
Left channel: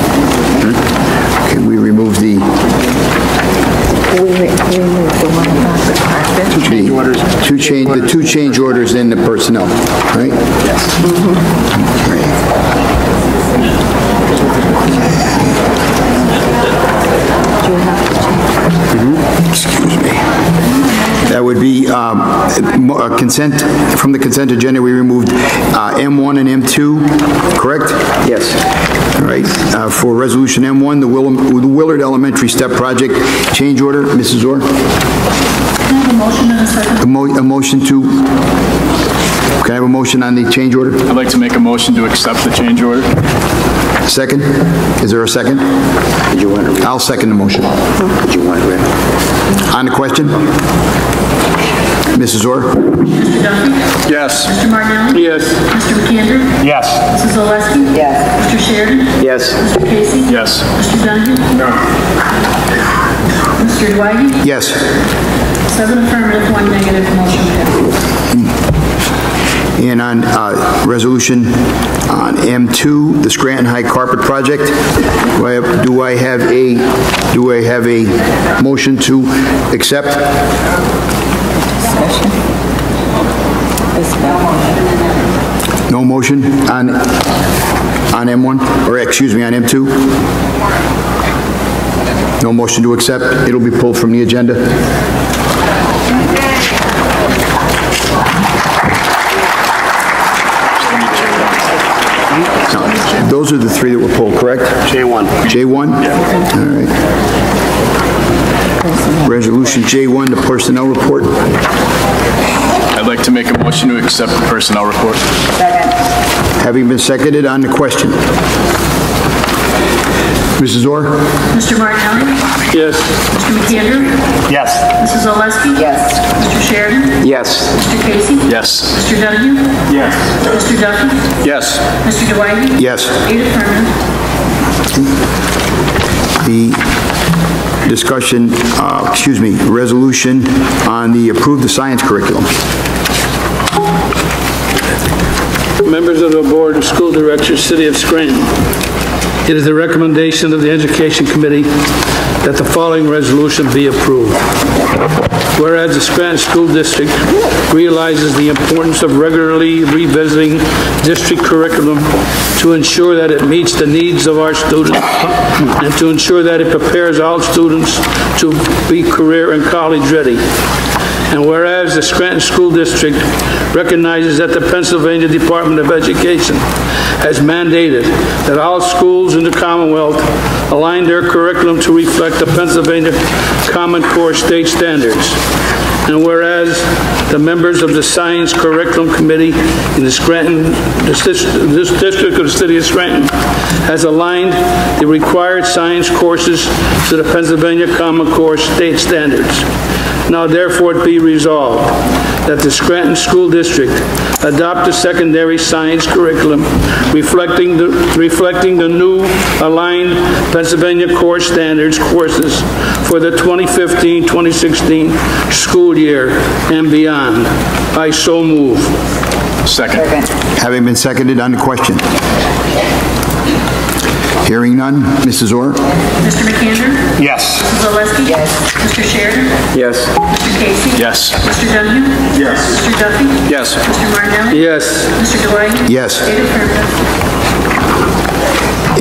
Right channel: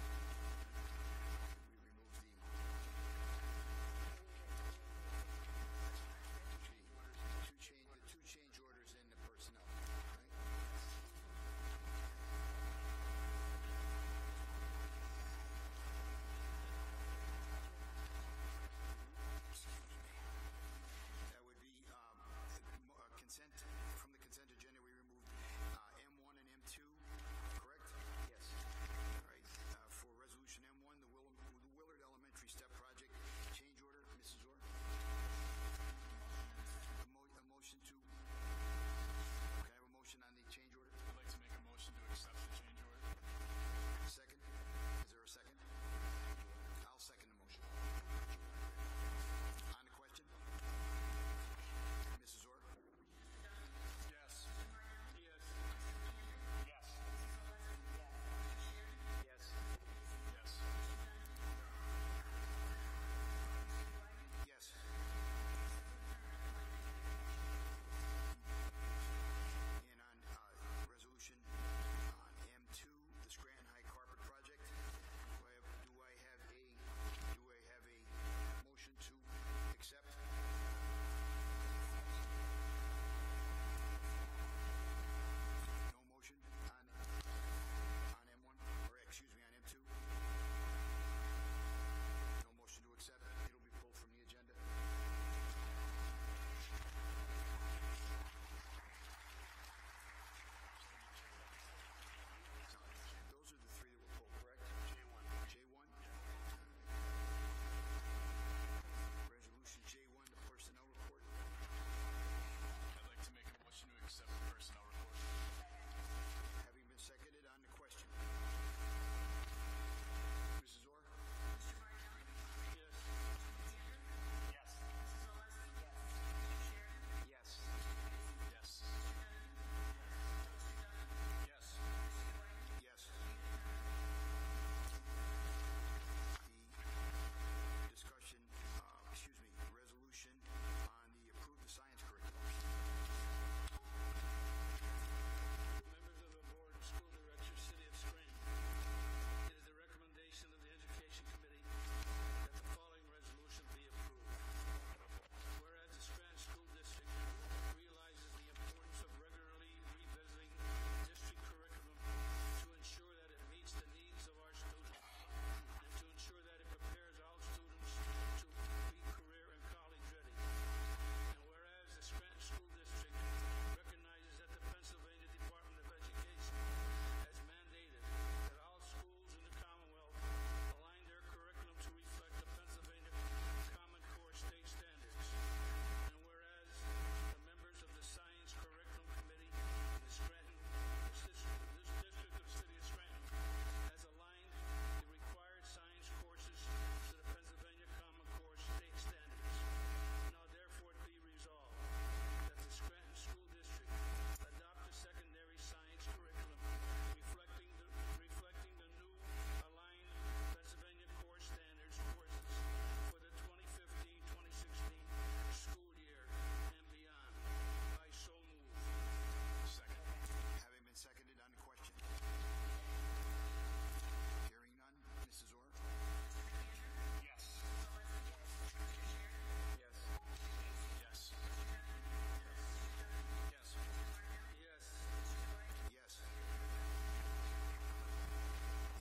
Okay, we remove the... The two change orders in the personnel, right? Yes. Excuse me. That would be consent, from the consent agenda, we removed M1 and M2, correct? Yes. All right. For resolution M1, the Willard Elementary Step Project change order, Mrs. Orr? Can I have a motion and a second? A motion to, can I have a motion on the change order? I'd like to make a motion to accept the change order. Second? Is there a second? Did you want to read? I'll second the motion. Did you want to read? On the question? Mrs. Orr? Mr. Duffy? Yes. Mr. Martinelli? Yes. Mr. McAndrew? Yes. Mrs. Oleski? Yes. Mr. Sheridan? Yes. Mr. Casey? Yes. Mr. Dunn? No. Mr. Dwight? Yes. 7 affirmative, 1 negative, motion passes. And on resolution on M2, the Scranton High Carpet Project, do I have a motion to accept? No motion on M1, or excuse me, on M2? No motion to accept. It'll be pulled from the agenda. Those are the three that were pulled, correct? J1. J1? Yeah. All right. Resolution J1, the personnel report. I'd like to make a motion to accept the personnel report. Second. Having been seconded, on the question. Mrs. Orr? Mr. Martinelli? Yes. Mr. McAndrew? Yes. Mrs. Oleski? Yes. Mr. Sheridan? Yes. Mr. Casey? Yes. Mr. Donahue? Yes. Mr. Duffy? Yes. Mr. Dwight? Yes. 8 affirmative. The discussion, resolution on the approve the science curriculum. Members of the Board of School Directors, City of Scranton. It is the recommendation of the Education Committee that the following resolution be approved. Whereas the Scranton School District realizes the importance of regularly revisiting district curriculum to ensure that it meets the needs of our students and to ensure that it prepares all students to be career and college ready. And whereas the Scranton School District recognizes that the Pennsylvania Department of Education has mandated that all schools in the Commonwealth align their curriculum to reflect the Pennsylvania Common Core state standards. And whereas the members of the Science Curriculum Committee in the Scranton, this district of the City of Scranton has aligned the required science courses to the Pennsylvania Common Core state standards. Now therefore it be resolved that the Scranton School District adopt a secondary science curriculum reflecting the new aligned Pennsylvania Core Standards courses for the 2015-2016 school year and beyond. I so move. Second. Having been seconded, on the question. Hearing none, Mrs. Orr? Mr. McAndrew? Yes. Mrs. Oleski? Yes. Mr. Sheridan? Yes. Mr. Casey? Yes. Mr. Donahue? Yes. Mr. Duffy? Yes. Mr. Martinelli? Yes. Mr. Dwight? Yes. 8 affirmative.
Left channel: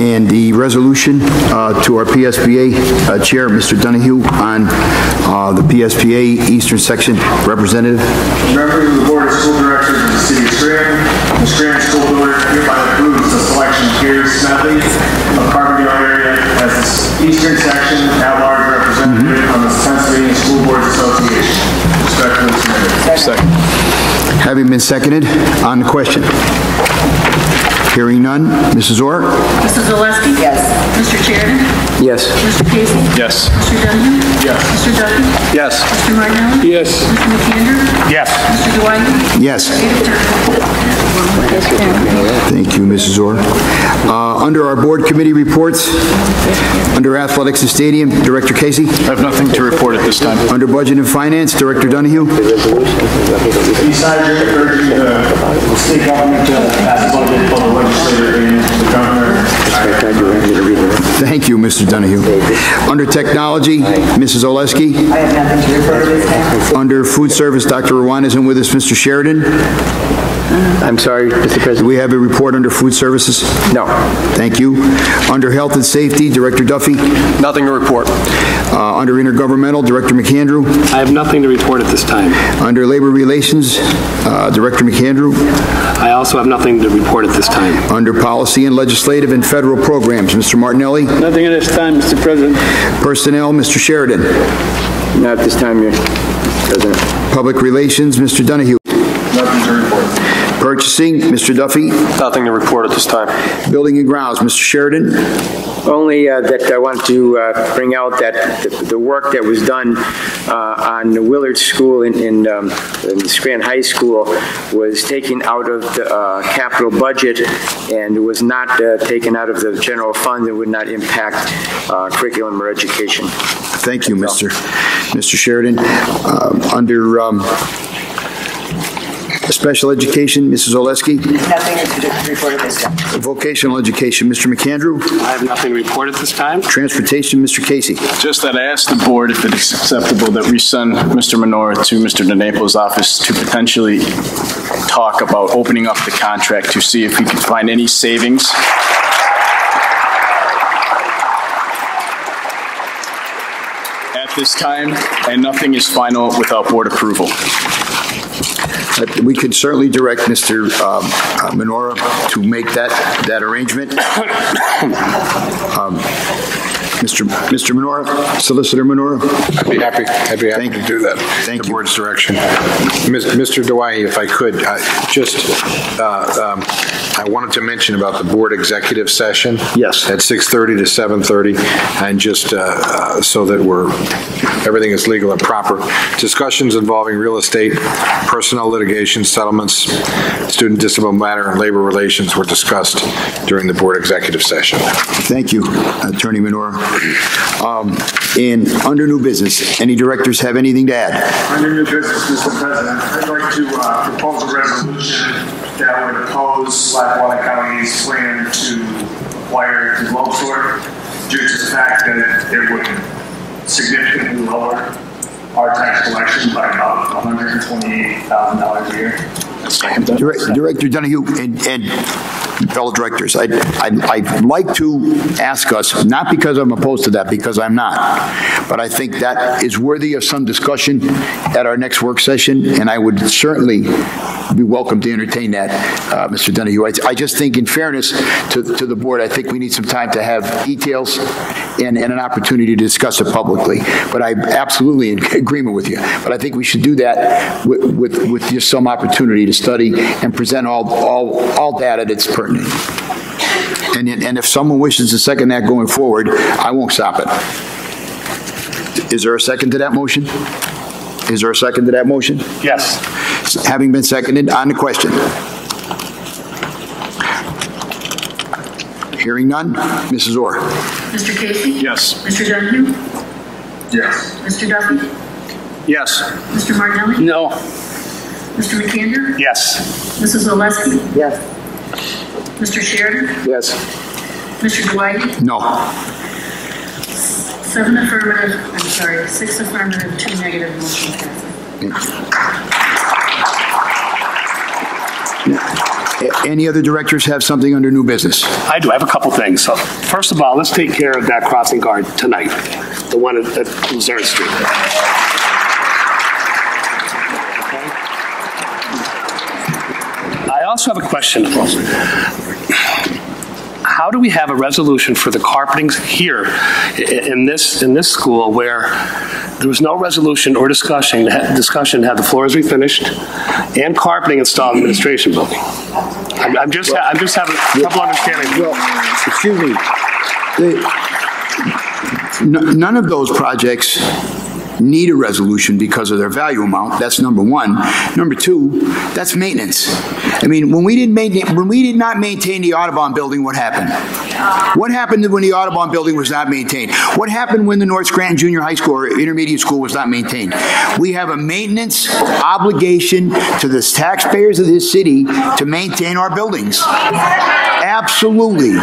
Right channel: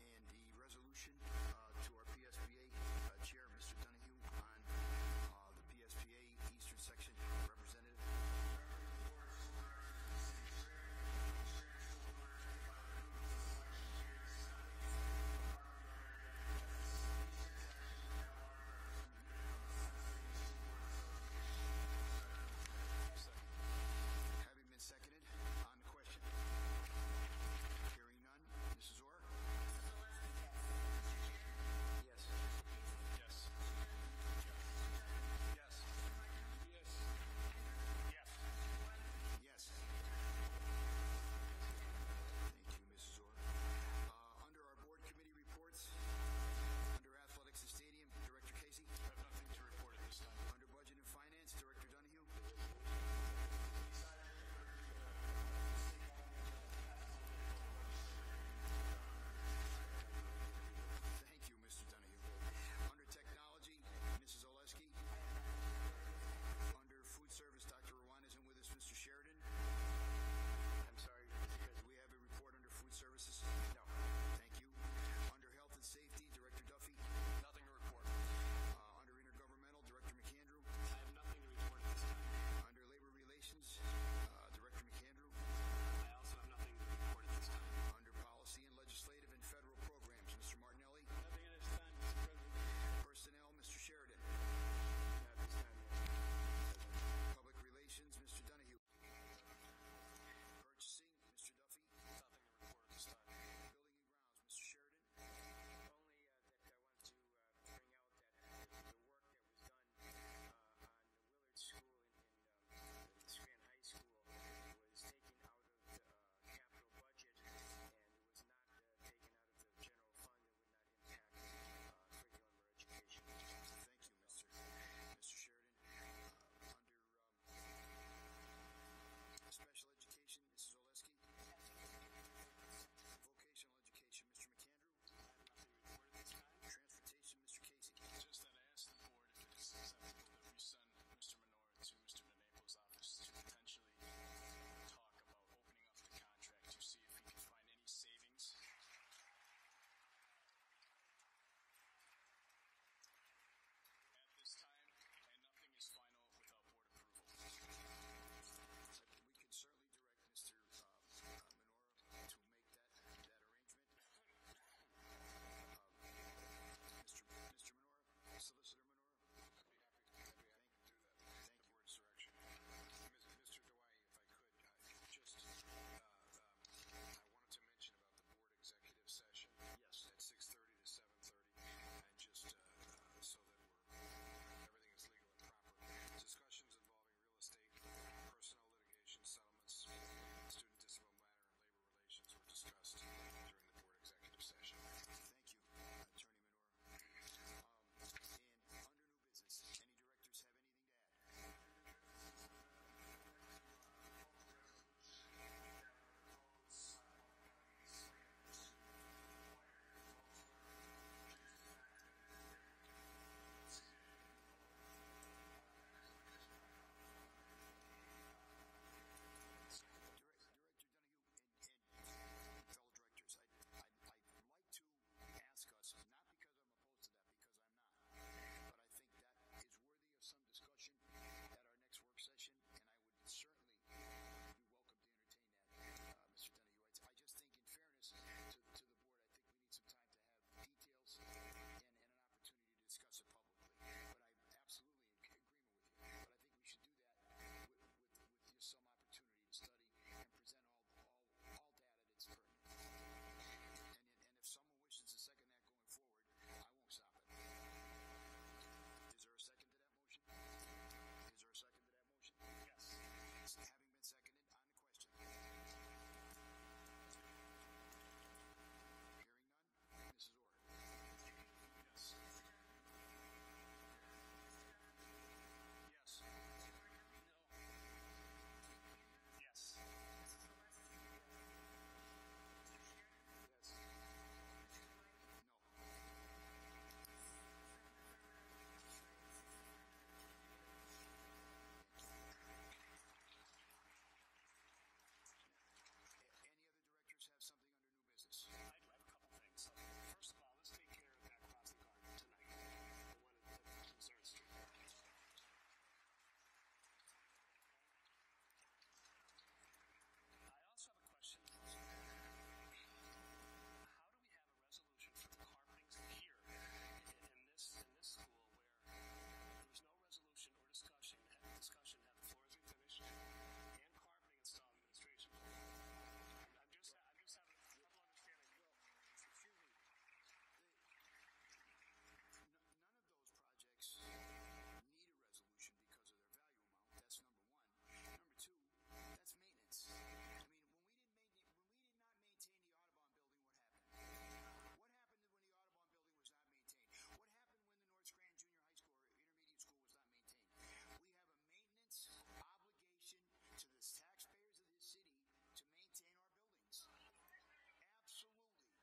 And the resolution to our PSBA Chair, Mr. Donahue, on the PSBA Eastern Section Representative. Members of the Board of School Directors of the City of Scranton, the Scranton School Board hereby approves the selection of Gary Smedley of Carbondale area as the Eastern Section at-large representative on the Pennsylvania School Boards Association. Respectfully submitted. Second. Having been seconded, on the question. Hearing none, Mrs. Orr? Mrs. Oleski? Yes. Mr. Sheridan? Yes. Mr. Casey? Yes. Mr. Donahue? Yes. Mr. Duffy? Yes. Mr. Martinelli? Yes. Mr. McAndrew? Yes. Mr. Dwight? Yes. 8 affirmative. Thank you, Mrs. Orr. Under our board committee reports, under Athletics and Stadium, Director Casey. I have nothing to report at this time. Under Budget and Finance, Director Donahue. Besides urging the state government to pass a budget for the legislature and the governor. Thank you, Mr. Donahue. Under Technology, Mrs. Oleski. I have nothing to report this time. Under Food Service, Dr. Rwan isn't with us. Mr. Sheridan. I'm sorry, Mr. President. Do we have a report under Food Services? No. Thank you. Under Health and Safety, Director Duffy. Nothing to report. Under Intergovernmental, Director McAndrew. I have nothing to report at this time. Under Labor Relations, Director McAndrew. I also have nothing to report at this time. Under Policy and Legislative and Federal Programs, Mr. Martinelli. Nothing at this time, Mr. President. Personnel, Mr. Sheridan. Not this time, Your President. Public Relations, Mr. Donahue. Nothing to report. Purchasing, Mr. Duffy. Nothing to report at this time. Building and Grounds, Mr. Sheridan. Only that I want to bring out that the work that was done on the Willard School in the Scranton High School was taken out of the capital budget and was not taken out of the general fund. It would not impact curriculum or education. Thank you, Mr. Sheridan. Under Special Education, Mrs. Oleski. Nothing to report at this time. Vocational Education, Mr. McAndrew. I have nothing to report at this time. Transportation, Mr. Casey. Just that I asked the board if it's acceptable that we send Mr. Menorah to Mr. DeNaples' office to potentially talk about opening up the contract to see if we can find any savings. At this time, and nothing is final without board approval. We could certainly direct Mr. Menorah to make that arrangement. Mr. Menorah, Solicitor Menorah. I'd be happy to do that. Thank you. The board's direction. Mr. Dewey, if I could, I wanted to mention about the board executive session. Yes. At 6:30 to 7:30, and just so that everything is legal and proper. Discussions involving real estate, personnel litigation, settlements, student discipline matter, and labor relations were discussed during the board executive session. Thank you, Attorney Menorah. And under new business, any directors have anything to add? Under new business, Mr. President, I'd like to propose a resolution that would oppose Lackawanna County's plan to acquire the Globe Store due to the fact that it would significantly lower our tax collection by about $128,000 a year. Director Donahue and fellow directors, I'd like to ask us, not because I'm opposed to that, because I'm not, but I think that is worthy of some discussion at our next work session, and I would certainly be welcome to entertain that, Mr. Donahue. I just think, in fairness to the board, I think we need some time to have details and an opportunity to discuss it publicly. But I'm absolutely in agreement with you. But I think we should do that with just some opportunity to study and present all data that's pertinent. And if someone wishes to second that going forward, I won't stop it. Is there a second to that motion? Is there a second to that motion? Yes. Having been seconded, on the question. Hearing none, Mrs. Orr. Mr. Casey? Yes. Mr. Donahue? Yes. Mr. Duffy? Yes. Mr. Martinelli? No. Mr. McAnder? Yes. Mrs. Oleski? Yes. Mr. Sheridan? Yes. Mr. Dwight? No. 6 affirmative, 2 negative, motion passes. Any other directors have something under new business? I do. I have a couple things. So, first of all, let's take care of that crossing guard tonight, the one at Luzerne Street. Okay. I also have a question. How do we have a resolution for the carpeting here in this school where there was no resolution or discussion had the floors refinished and carpeting installed in the administration building? I'm just having trouble understanding. Well, excuse me. None of those projects need a resolution because of their value amount. That's number one. Number two, that's maintenance. I mean, when we did not maintain the Audubon building, what happened? What happened when the Audubon building was not maintained? What happened when the North Scranton Junior High School or Intermediate School was not maintained? We have a maintenance obligation to the taxpayers of this city to maintain our buildings. Absolutely.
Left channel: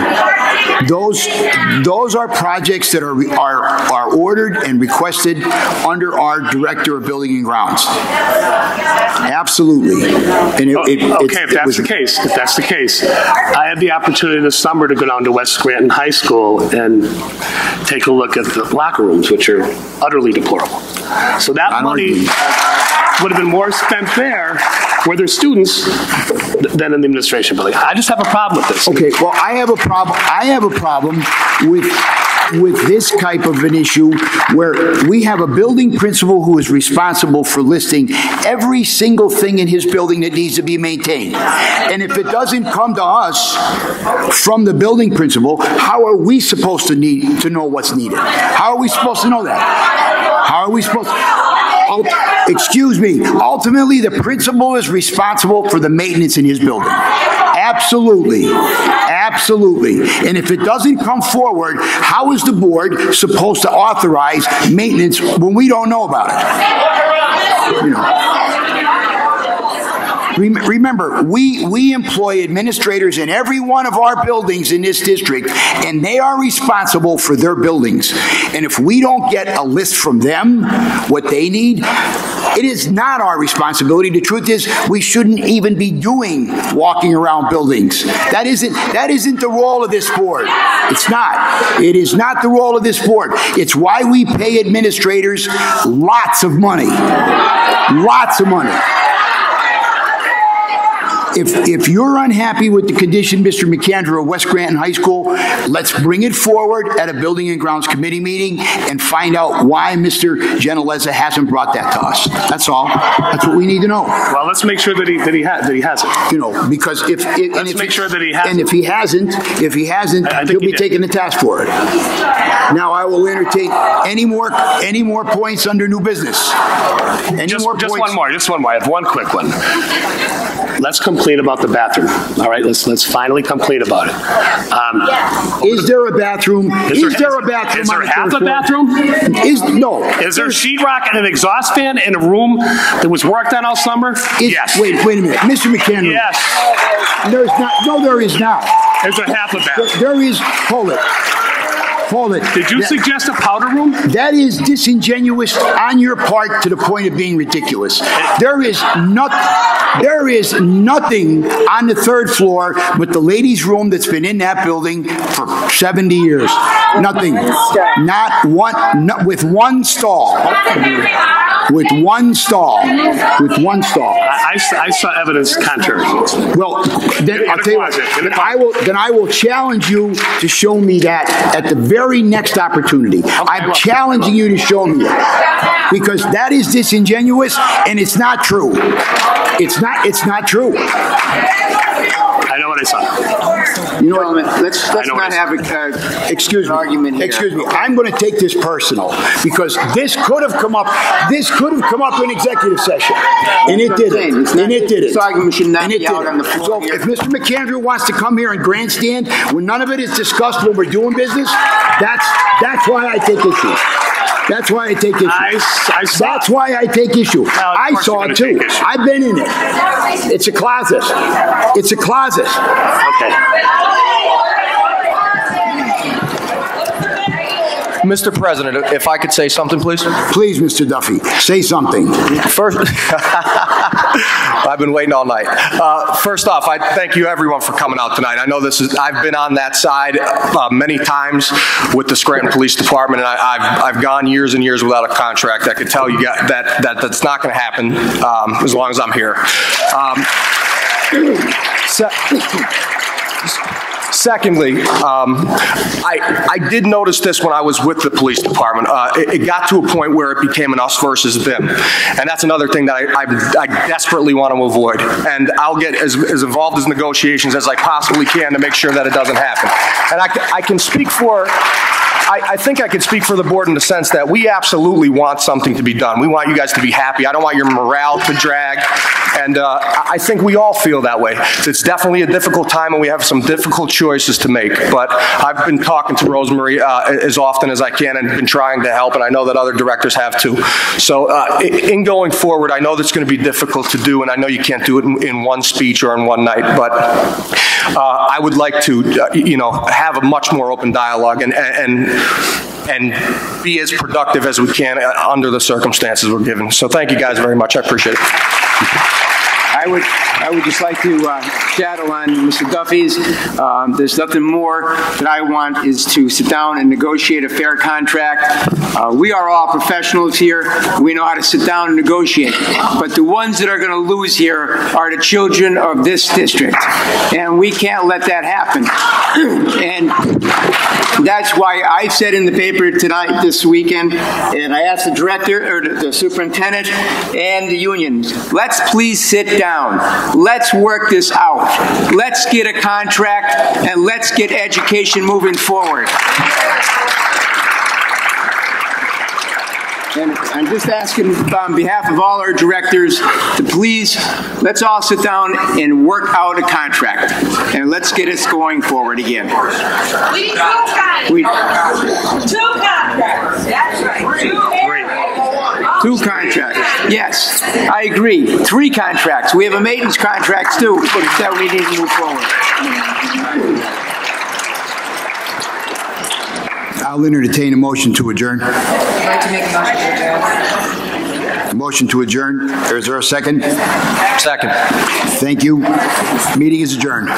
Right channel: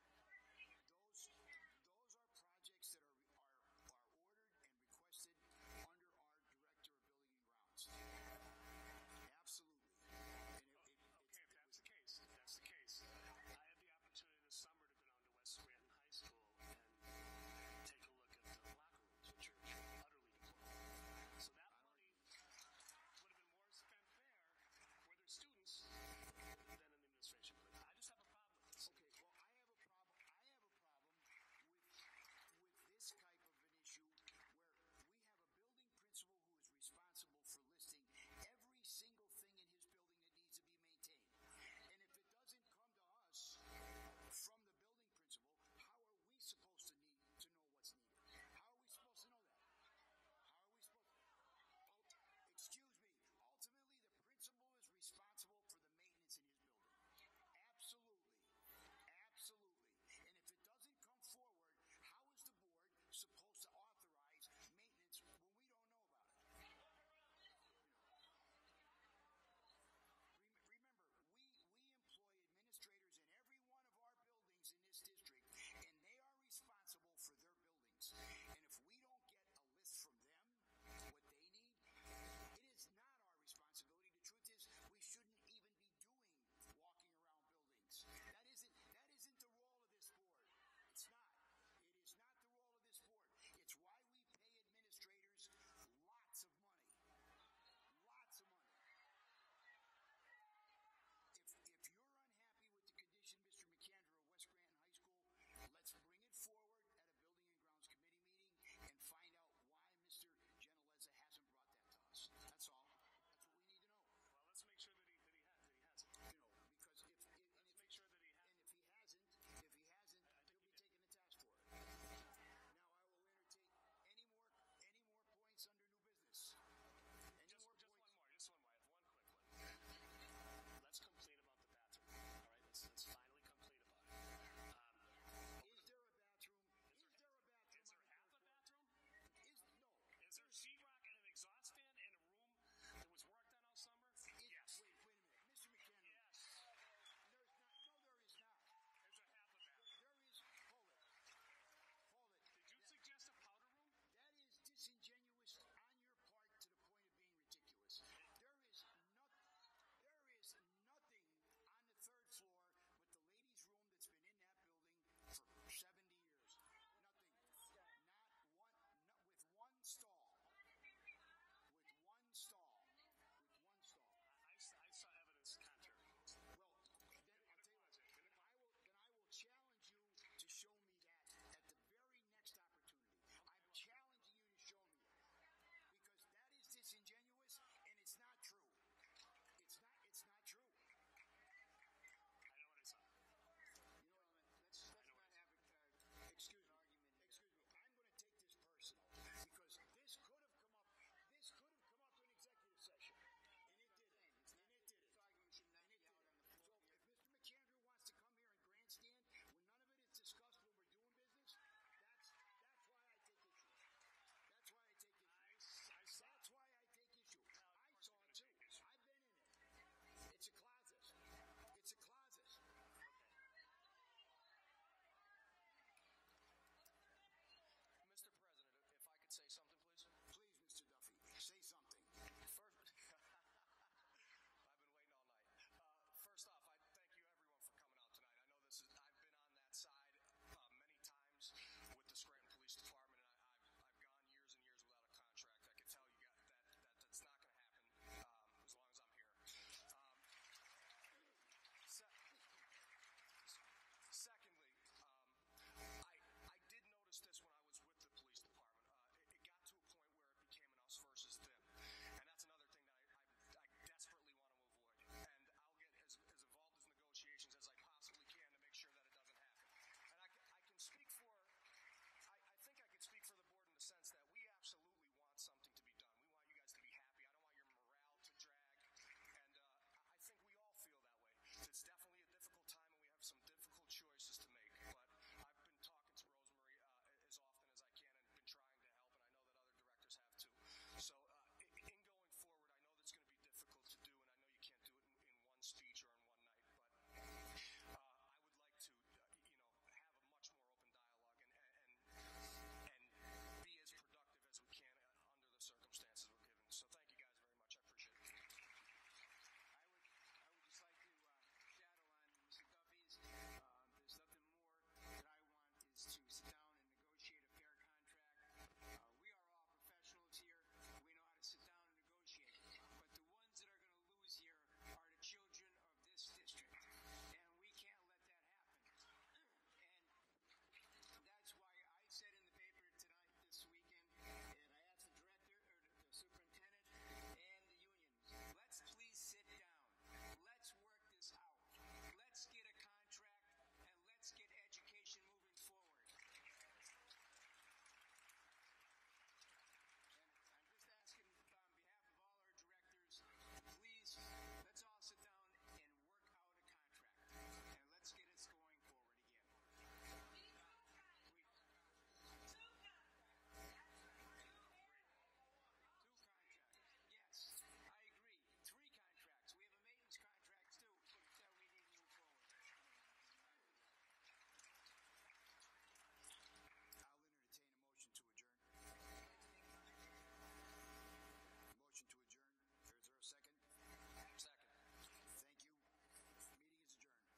Those are projects that are ordered and requested under our Director of Building and Grounds. Absolutely. And if that's the case, I had the opportunity this summer to go down to West Scranton High School and take a look at the locker rooms, which are utterly deplorable. So that money would have been more spent there where there's students than in the administration building. I just have a problem with this. Okay, well, I have a problem with this type of an issue where we have a building principal who is responsible for listing every single thing in his building that needs to be maintained. And if it doesn't come to us from the building principal, how are we supposed to know what's needed? How are we supposed to know that? How are we supposed to? Excuse me. Ultimately, the principal is responsible for the maintenance in his building. Absolutely. Absolutely. And if it doesn't come forward, how is the board supposed to authorize maintenance when we don't know about it? You know. Remember, we employ administrators in every one of our buildings in this district, and they are responsible for their buildings. And if we don't get a list from them, what they need, it is not our responsibility. The truth is, we shouldn't even be walking around buildings. That isn't the role of this board. It's not. It is not the role of this board. It's why we pay administrators lots of money. Lots of money. if you're unhappy with the condition, Mr. McAndrew, of West Granton High School, let's bring it forward at a Building and Grounds Committee meeting and find out why Mr. Gentileza hasn't brought that to us. That's all. That's what we need to know. Well, let's make sure that he hasn't. You know, because if make sure that he hasn't. And if he hasn't, he'll be taking the task for it. Now I will entertain any more points under new business. Just one more. I have one quick one. Let's complain about the bathroom. All right, let's finally complain about it. Is there a bathroom? Is there a bathroom? Is there half a bathroom? No. Is there sheetrock and an exhaust fan in a room that was worked on all summer? Yes. Wait a minute, Mr. McAndrew. Yes. There's not. No, there is not. There's a half a bathroom. There is. Hold it. Did you suggest a powder room? That is disingenuous on your part to the point of being ridiculous. There is nothing on the third floor but the ladies' room that's been in that building for 70 years. Nothing. Not one. With one stall. With one stall. I saw evidence contrary. Well, then I'll tell you what. Then I will challenge you to show me that at the very next opportunity. I'm challenging you to show me it because that is disingenuous and it's not true. It's not true. I know what I saw. You know what? Let's not have an argument here. Excuse me. I'm going to take this personal because this could have come up. This could have come up in executive session, and it didn't. This argument should not be out on the floor. So if Mr. McAndrew wants to come here and grandstand when none of it is discussed when we're doing business, that's why I take issue. That's why I take issue. That's why I take issue. I saw it too. I've been in it. It's a closet. It's a closet. Okay. Mr. President, if I could say something, please. Please, Mr. Duffy, say something. First, I've been waiting all night. First off, I thank you everyone for coming out tonight. I know I've been on that side many times with the Scranton Police Department, and I've gone years and years without a contract. I could tell you that's not going to happen as long as I'm here. Secondly, I did notice this when I was with the police department. It got to a point where it became an us versus them. And that's another thing that I desperately want to avoid. And I'll get as involved in negotiations as I possibly can to make sure that it doesn't happen. And I can speak for... I think I can speak for the board in the sense that we absolutely want something to be done. We want you guys to be happy. I don't want your morale to drag. And I think we all feel that way. It's definitely a difficult time and we have some difficult choices to make. But I've been talking to Rosemary as often as I can and been trying to help, and I know that other directors have too. So in going forward, I know that's going to be difficult to do, and I know you can't do it in one speech or in one night, but I would like to, have a much more open dialogue and be as productive as we can under the circumstances we're given. So thank you guys very much. I appreciate it. I would just like to shadow on Mr. Duffy's. There's nothing more that I want is to sit down and negotiate a fair contract. We are all professionals here. We know how to sit down and negotiate. But the ones that are going to lose here are the children of this district. And we can't let that happen. And that's why I said in the paper this weekend, and I asked the director, or the superintendent, and the unions, let's please sit down. Let's work this out. Let's get a contract, and let's get education moving forward. And I'm just asking on behalf of all our directors to please, let's all sit down and work out a contract. And let's get us going forward again. We do contracts. Two contracts. That's right. Two contracts. Yes, I agree. 3 contracts. We have a maintenance contract too, but that we need to move forward. I'll entertain a motion to adjourn. I'd like to make a motion to adjourn. Motion to adjourn. Is there a second? Second. Thank you. Meeting is adjourned.